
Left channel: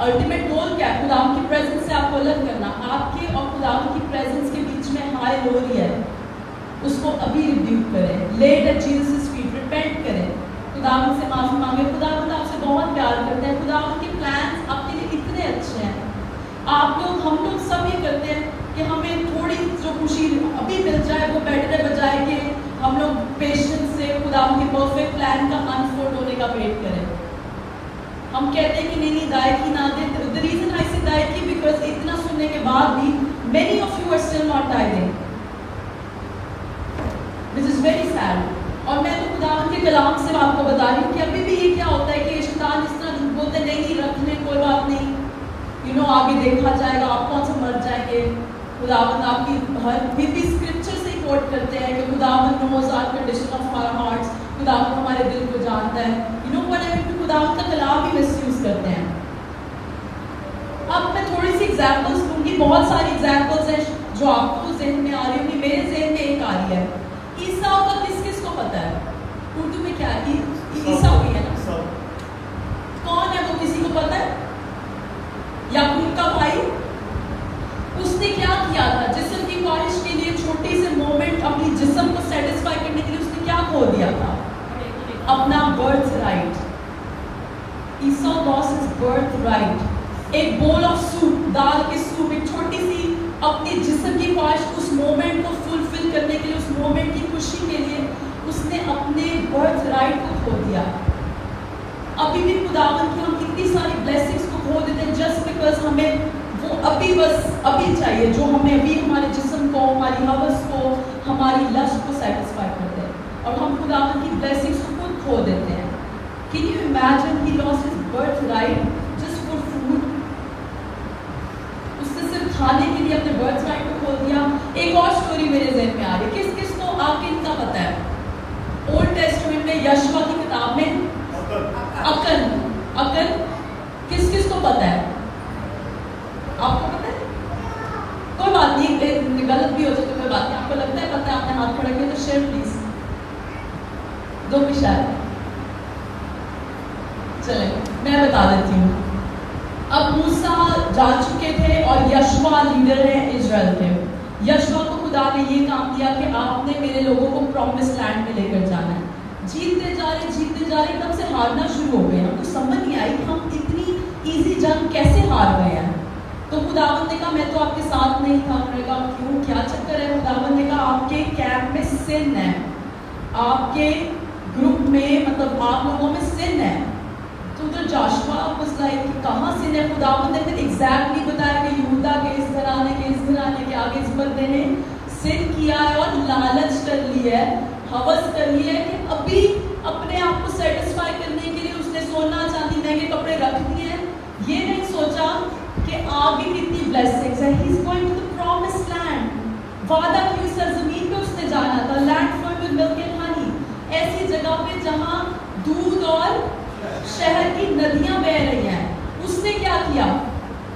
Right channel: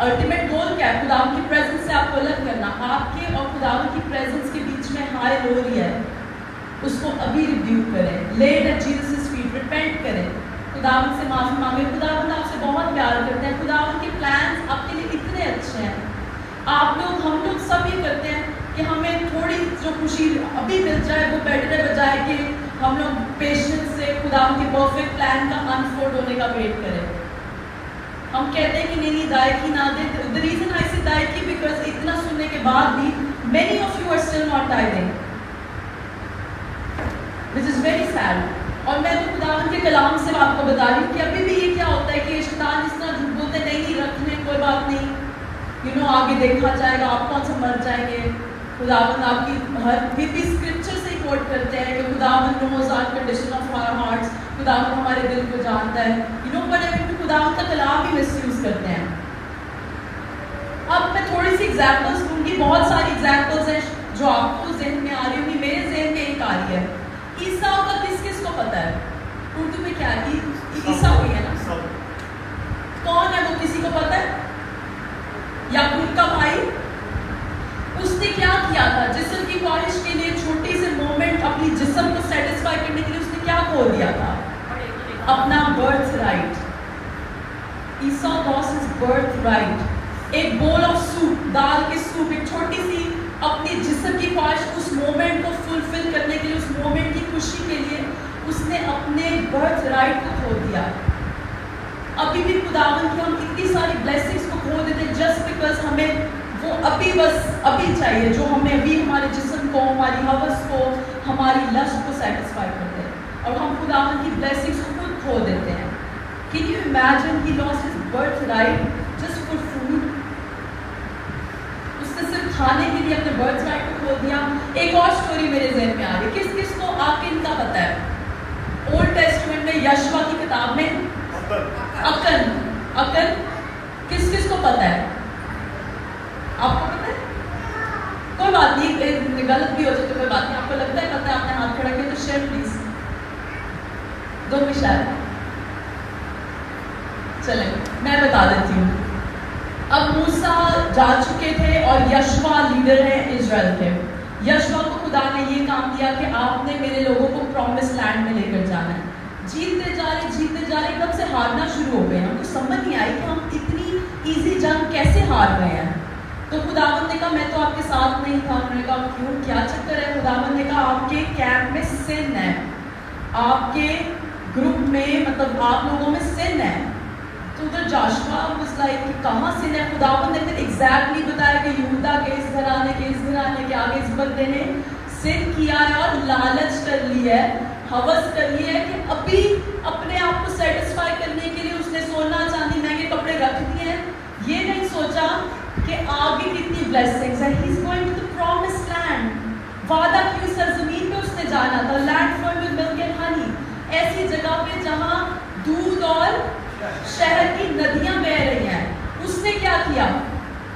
الٹیمیٹ گول کیا ہے؟ خداوند کی پریزنس سے آپ کو الگ کرنا. آپ کے اور خداوند کی پریزنس کے بیچ میں حائل ہو رہی ہے, اس کو ابھی ریبیوک کریں, lay at Jesus feet, repent کریں, خداوند سے معافی مانگے. خداوند آپ سے بہت پیار کرتے ہیں, خداوند کے پلانز آپ کے لیے اتنے اچھے ہیں. آپ لوگ, ہم لوگ سب یہ کرتے ہیں کہ ہمیں تھوڑی جو خوشی ابھی مل جائے وہ بیٹر ہے, بجائے کہ ہم لوگ پیشنس سے خداوند کے پرفیکٹ پلان کا انفولڈ ہونے کا ویٹ کریں. ہم کہتے ہیں کہ نہیں دائیکی نہ دیں. The reason I say دائیکی because اتنا سننے کے بعد بھی many of you are still not tithing, which is very sad. اور میں تو خداوند کے کلام سے آپ کو بتا رہی ہوں کہ ابھی بھی یہ کیا ہوتا ہے کہ شیطان اس طرح جھوٹ بولتے نہیں رکھ لیں, کوئی بات نہیں, آگے دیکھا جائے گا, آپ کون سا مر جائیں گے. خداوند آپ کی ہر بھی اسکرپچر سے کوٹ کرتے ہیں کہ خداوند knows our condition of our hearts, خداوند ہمارے دل کو جانتا ہے. خداوند کا کلام بھی مس یوز کرتے ہیں. اب میں تھوڑی سی ایگزامپلس دوں گی, بہت ساری ایگزامپلس ہیں جو آپ کو ذہن میں آ رہی ہوں گی, میرے ذہن میں ایک آ رہی ہے. عیسیٰ کا کس کس کو پتا ہے؟ اردو میں کیا ہے؟ عیسیٰ ہوئی ہے نا, کون ہے وہ, کسی کو پتا ہے؟ یعقوب کا بھائی. اس نے کیا کیا تھا؟ جسم کی خواہش کے لیے چھوٹی سے مومنٹ اپنی جسم کو سیٹسفائی کرنے کے لیے اس نے کیا کھو دیا تھا؟ اپنا برتھ رائٹ. عیسیٰ lost his birth right. ایک بول آف سوپ, دال کے سوپ, ایک چھوٹی سی اپنی جسم کی خواہش, اس مومنٹ کو فلفل کرنے کے لیے, اس مومنٹ کی خوشی کے لیے اس نے اپنے برتھ رائٹ کو کھو دیا. ابھی بھی خداوند کی ہم اتنی ساری بلیسنگز کو کھو دیتے ہیں جسٹ بیکاز ہمیں وہ ابھی بس ابھی چاہیے, جو ہمیں ابھی ہمارے جسم کو, ہماری ہوس کو, ہماری لسٹ کو سیٹسفائی کرتے ہیں, اور ہم خداوند کی بلیسنگز کو خود کھو دیتے ہیں. Can you imagine he lost his birthright just for food? اس نے صرف کھانے کے لیے اپنے برڈ رائٹ کو کھول دیا. ایک اور سٹوری میرے ذہن میں آ رہی ہے. کس کس کو آکن کا پتہ ہے؟ اولڈ ٹیسٹمنٹ میں یشوا کی کتاب میں اکن کس کس کو پتہ ہے؟ آپ کو پتہ ہے؟ کوئی بات نہیں, غلط بھی ہو جائے تو کوئی بات نہیں. آپ کو لگتا ہے پتہ ہے, آپ نے ہاتھ کھڑا کیا تو شیئر پلیز دو بھی شاید. چلے میں بتا دیتی ہوں. اب موسیٰ جا چکے تھے اور یشوا لیڈر ہیں اسرائیل کے. یشوا کو خدا نے یہ کام دیا کہ آپ نے میرے لوگوں کو پرومس لینڈ میں لے کر جانا ہے. جیتتے جا رہے ایک دم سے ہارنا شروع ہو گئے. ہم کو سمجھ نہیں آئی کہ ہم اتنی ایزی جنگ کیسے ہار گئے ہیں. تو خداوند نے کہا میں تو آپ کے ساتھ نہیں تھا. انہوں نے کہا کیوں, کیا چکر ہے؟ خداوند نے کہا آپ کے کیمپ میں سن ہے, آپ کے گروپ میں مطلب آپ لوگوں میں سن ہے. تو ادھر جاشوا was like کہ کہاں سن ہے؟ خداوند نے پھر ایگزیکٹلی بتایا کہ یہودا کے اس گھرانے کے آگے اس بندے نے سن کیا ہے اور لالچ کر لی ہے, ہوس کر لی ہے کہ ابھی اپنے آپ کو سیٹسفائی کرنے کے لیے اس نے سونا چاندی مہنگے کپڑے رکھ دیے ہیں. یہ نہیں سوچا کہ آگے کتنی بلیسنگز ہیں. He's going to the promised land. وعدہ کی سرزمین پہ اس نے جانا تھا. Land flowing with milk and honey. ایسی جگہ پہ جہاں دودھ اور شہد کی ندیاں بہ رہی ہیں. اس نے کیا کیا؟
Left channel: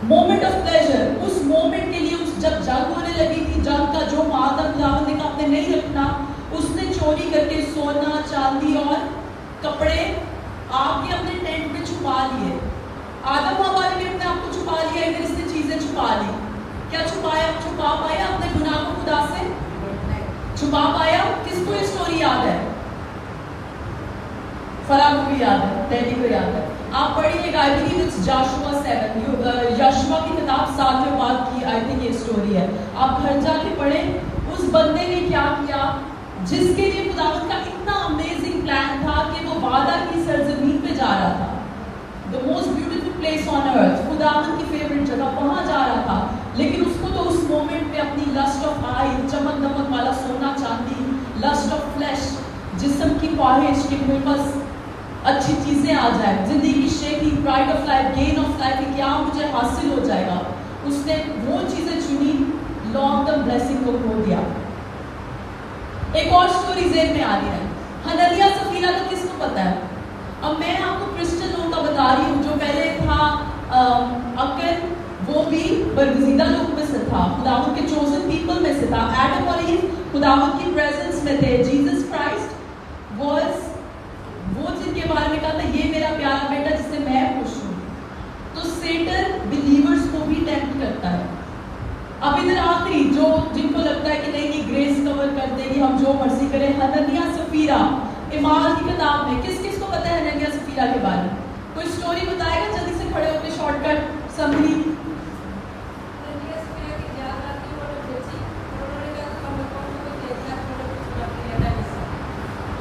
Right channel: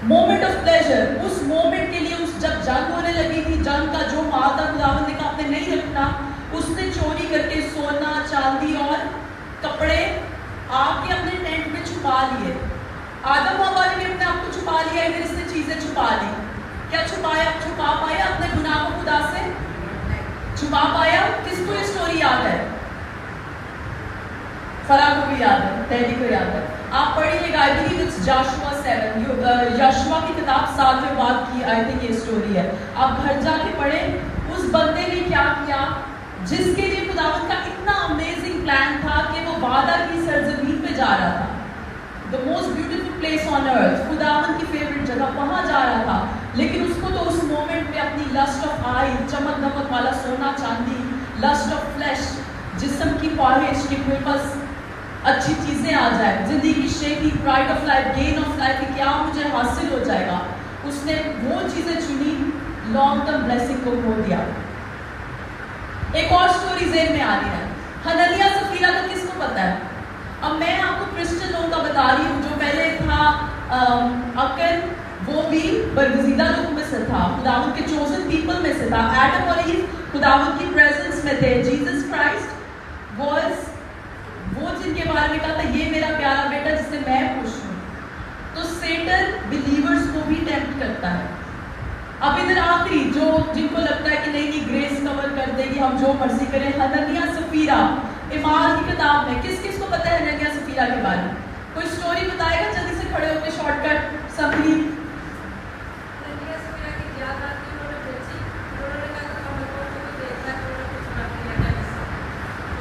Moment of pleasure. اس مومنٹ کے لیے جب جنگ ہونے لگی تھی, جنگ کا جو وعدہ خداوند نے کہا آپ نے نہیں رکھنا, اس نے چوری کر کے سونا چاندی اور کپڑے آپ کے اپنے ٹینٹ میں چھپا لیے. آدم و حوا نے بھی اپنے آپ کو چھپا لیا, ادھر اس نے چیزیں چھپا لی. کیا چھپا پایا اپنے گناہ کو خدا سے چھپا پایا؟ کس کو یہ سٹوری یاد ہے؟ فرا کو بھی یاد ہے, ڈیڈی کو یاد ہے. آپ پڑھیے گا, آئی بلیو اٹس جاشوا 7, یشوا کی کتاب 7 میں بات کی, آئی تھنک یہ سٹوری ہے. آپ گھر جا کے پڑھیں اس بندے نے کیا کیا جس کے لیے خداوند کا اتنا امیزنگ پلان تھا کہ وہ وعدہ کی سرزمین پہ جا رہا تھا. The most beautiful place on earth, خداوند کی فیوریٹ جگہ, وہاں جا رہا تھا. لیکن اس کو تو اس مومنٹ میں اپنی لسٹ آف آئی, چمک دمک والا سونا چاندی, لسٹ آف فلیش, جسم کی خواہش کہ میرے پاس اچھی چیزیں آ جائیں, زندگی کی شیخی, pride of life, gain of life, کہ کیا مجھے حاصل ہو جائے گا. اس نے وہ چیزیں چنی, لانگ ٹرم بلیسنگ کو کھو دیا. ایک اور سٹوری ذہن میں آ رہی ہے, ہننیا سفیرہ کا کس کو پتا ہے؟ اب میں آپ کو کرسچن لوگوں کا بتا رہی ہوں. جو پہلے تھا اکن, وہ بھی برگزیدہ لوگوں میں سے تھا, خداوند کے چوزن پیپل میں سے تھا. ایڈم اور ایو خداوند کی پریزنس میں تھے. جیسس کرائسٹ واز وہ جن کے بارے میں کہا تھا یہ میرا پیارا بیٹا جس سے میں خوش ہوں. تو سیٹن بلیورز کو بھی ٹیمپٹ کرتا ہے. اب ادھر آخری جن کو لگتا ہے کہ نہیں یہ گریس کور کر دے گی, ہم جو مرضی کریں, ہننیا سفیرہ ایمال کی کتاب میں. کس کس کو پتہ ہے ہننیا سفیرہ کے بارے میں؟ کوئی سٹوری بتائے گا جلدی سے کھڑے ہو کے, شارٹ کٹ سمری.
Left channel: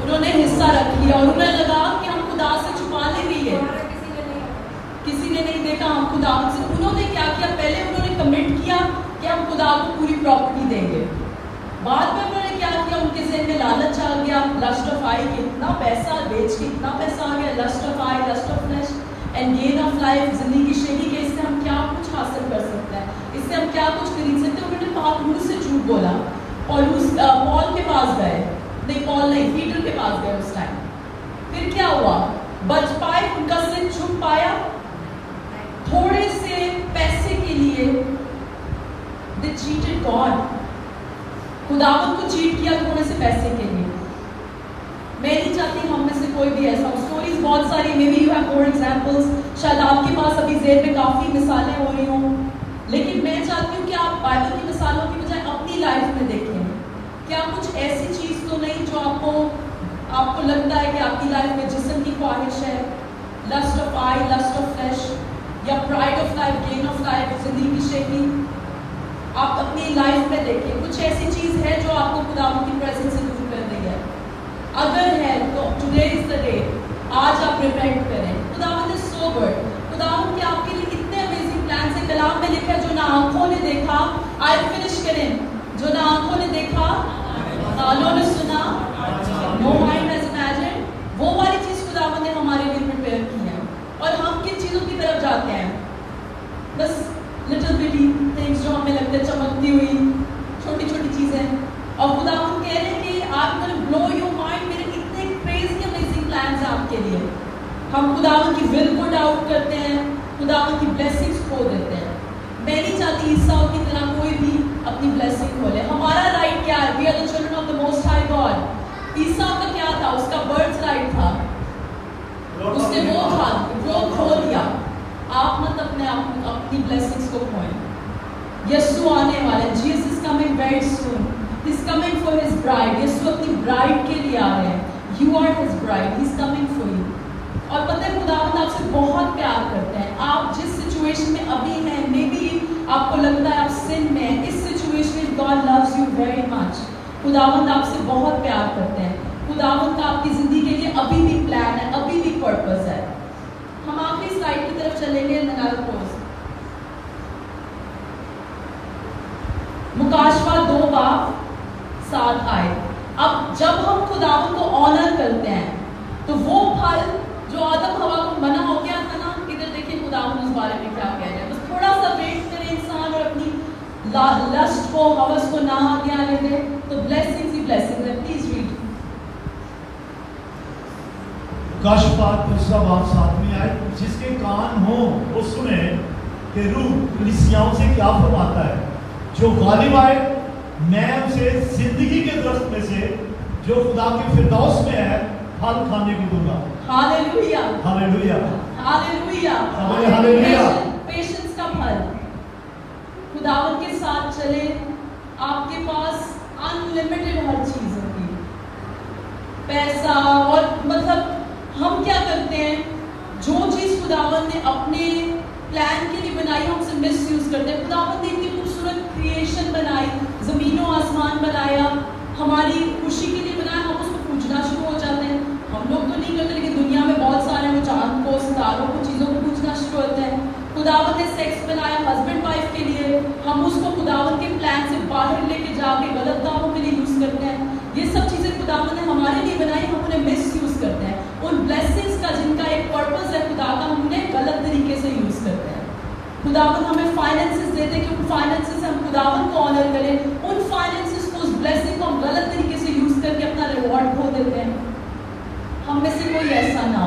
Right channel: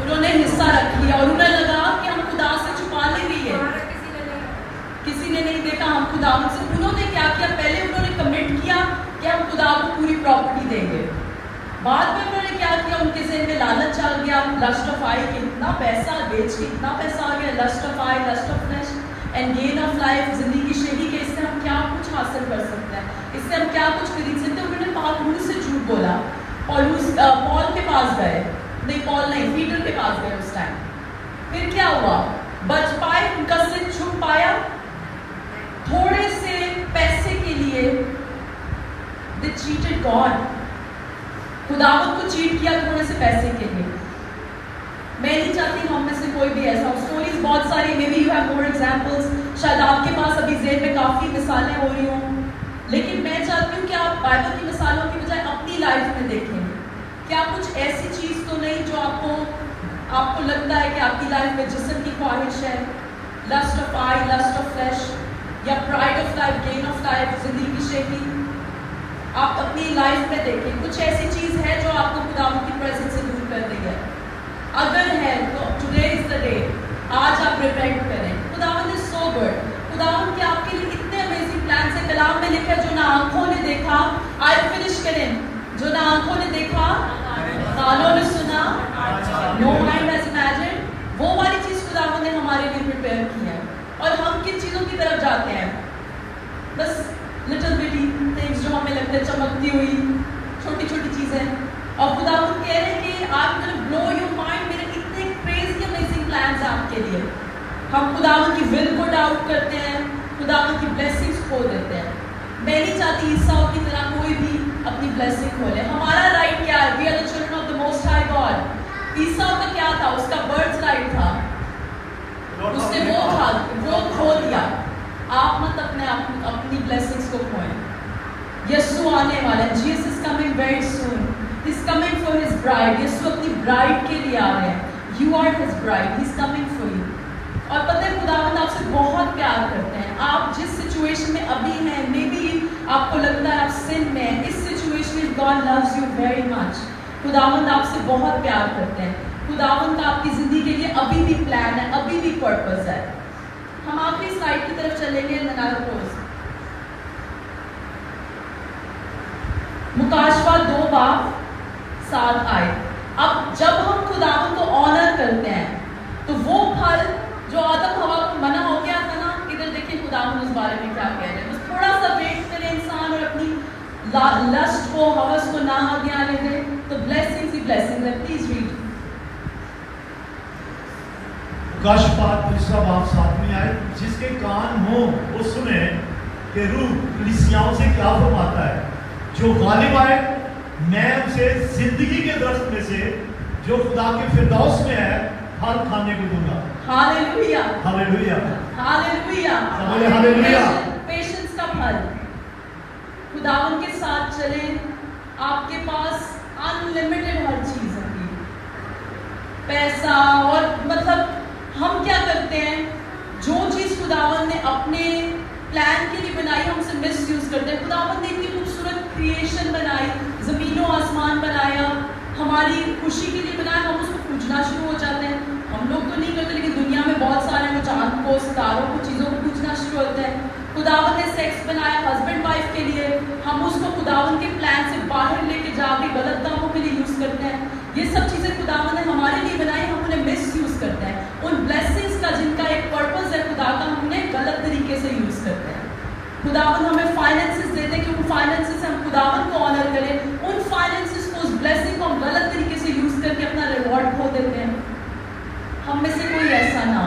انہوں نے حصہ رکھ لیا اور انہیں لگا کہ ہم خدا سے چھپا لے رہی ہے, کسی نے نہیں دیکھا ہم خدا سے. انہوں نے کیا کیا؟ پہلے انہوں نے کمٹ کیا کہ ہم خدا کو پوری پراپرٹی دیں گے. بعد میں انہوں نے کیا کیا, ان کے ذہن میں لالچ آ گیا, لسٹ آف آئی, کہ اتنا پیسہ بیچ کے اتنا پیسہ آ گیا, lust of eye, lust of flesh and gain of life, زندگی کی شیخی, کہ اس سے ہم کیا کچھ حاصل کر سکتے ہیں, اس سے ہم کیا کچھ خرید سکتے ہیں. انہوں نے پالوس سے جھوٹ بولا. پال کے پاس گئے, نہیں پال نہیں, پیٹر کے پاس گئے اس ٹائم. پھر کیا ہوا؟ بچ پائے, ان کا سر چھپ پایا. تھوڑے سے پیسے کے لیے they cheated God. خداوند کو چیٹ کیا تھوڑے سے پیسے کے لیے. میں نہیں چاہتی ہم میں سے کوئی بھی ایسا ہو. سٹوریز بہت ساری, maybe you have more examples, شاید آپ کے پاس ابھی ذہن میں کافی مثالیں ہو رہی ہوں, لیکن میں چاہتی ہوں کہ آپ بائبل کی مثالوں کی بجائے اپنی لائف میں دیکھیں. کیا کچھ ایسی چیز تو نہیں جو آپ کو لگتا ہے کہ آپ کی لائف میں جسم کی خواہش ہے, lust of eye, lust of flesh, یا pride of life, gain of life, زندگی کی شیخی. آپ اپنی لائف میں دیکھیں کچھ ایسی چیز ہے جو آپ کو خداوند کی پریزنس سے دور کر رہی ہے. اگر ہے تو ٹوڈے از دا ڈے, آج آپ ریپینٹ کریں. خداوند از سو گڈ. خداوند کے آپ کے لیے اتنے امیزنگ پلانس ہیں. کلام میں لکھا جو نہ آنکھوں نے دیکھا, آئی فنش کریں, جو نہ آنکھوں نے دیکھا, کانوں نے سنا, نو مائنڈ ہیز امیجنڈ, وہ والی چیز خداوند نے ہمارے لیے پریپیئر کی ہے. اور ہم کن چیزوں کی طرف جاتے ہیں؟ بس लिटिल बिटी थिंग्स जो हमें लगता है चमकती हुई छोटी छोटी चीजें, और खुदावंद कह रहे हैं कि आप गोना ब्लो योर माइंड, मेरे कितने क्रेजी अमेजिंग प्लान्स हैं आपके लिए। हम खुदावंद की विल को डाउट करते हैं, खुदावंद की ब्लेसिंग्स खो देते हैं। मैं नहीं चाहती ईसाऊ की तरह कोई भी अपनी ब्लेसिंग खो ले। हमारा राइट क्या है? We are the children of the most high God. Esau का क्या था? उसका बर्थ राइट था, उसने वो खो दिया। आप मत अपनी ब्लेसिंग्स को खोएं। यीशु आने वाला है, Jesus is coming very soon, he is coming for his bride. यीशु अपनी ब्राइड के लिए आ रहे हैं। You are his bride, he is coming for you. और पता है खुदावंद आपसे बहुत प्यार करते हैं। आप जिस सिचुएशन में अभी हैं, मे बी आपको लगता है आप सिन में हैं, इस सिचुएशन में God loves you very much. खुदावंद आपसे बहुत प्यार करते हैं। खुदावंद का आपकी जिंदगी के लिए अभी भी प्लान है, अभी भी पर्पस है। हम आखिरी स्लाइड की तरफ चलेंगे। मुकाशवा 2:7 आए। अब जब हम खुदावंद को ऑनर करते हैं तो वो फल जो आदम हवा को मना हो गया था ना, इधर देखिए खुदावंद उस बारे में क्या कह रहे हैं। बस थोड़ा सा वेट करे इंसान और अपनी लस्ट को, हवस को ना आगे आने दे, तो ब्लेसिंग्स ही ब्लेसिंग्स है। प्लीज रीड प्रकाशपात 3:7 में आए, जिसके कान हो वो सुने कि रूह कलीसियाओं से क्या फरमाता है। जो गालिब आए मैं उसे जिंदगी के दरख्त में से जो खुदा के फिरदौस में है फल खाने को दूंगा। Hallelujah, hallelujah, hallelujah, hallelujah. Patience का फल। खुदावंद के साथ चले, आपके पास अनलिमिटेड हर चीज होगी, पैसा, और मतलब हम क्या करते हैं, जो चीज खुदावंद ने अपने प्लान के लिए बनाई हम उसे मिस यूज करते हैं। खुदावंद ने इतनी खूबसूरत क्रिएशन बनाई, जमीनों आसमान बनाया, हमारी खुशी के लिए बनाया, हम उसको पूजना शुरू हो जाते हैं। हम लोग तो नहीं करते, लेकिन दुनिया में बहुत सारे वो चांद को, सितारों को, चीजों को पूजना शुरू होते हैं। खुदावंद ने सेक्स बनाया हस्बैंड वाइफ के लिए, हम उसको खुदावंद के प्लान से बाहर लेके जाके गलत कामों के लिए यूज करते हैं। ये सब चीजें खुदावंद ने हमारे लिए बनाई, हम उन्हें मिस यूज करते हैं। उन ब्लेसिंग्स का जिनका एक पर्पस है खुदा का, हम उन्हें गलत तरीके से यूज करते हैं। खुदावंद हमें फाइनेंसेस देते हैं क्योंकि फाइनेंसेस से हम खुदावंद को ऑनर करें। उन फाइनेंसेस को, उस ब्लेसिंग को हम गलत तरीके से यूज करके अपना रिवॉर्ड खो देते हैं। हम में से कोई ऐसा ना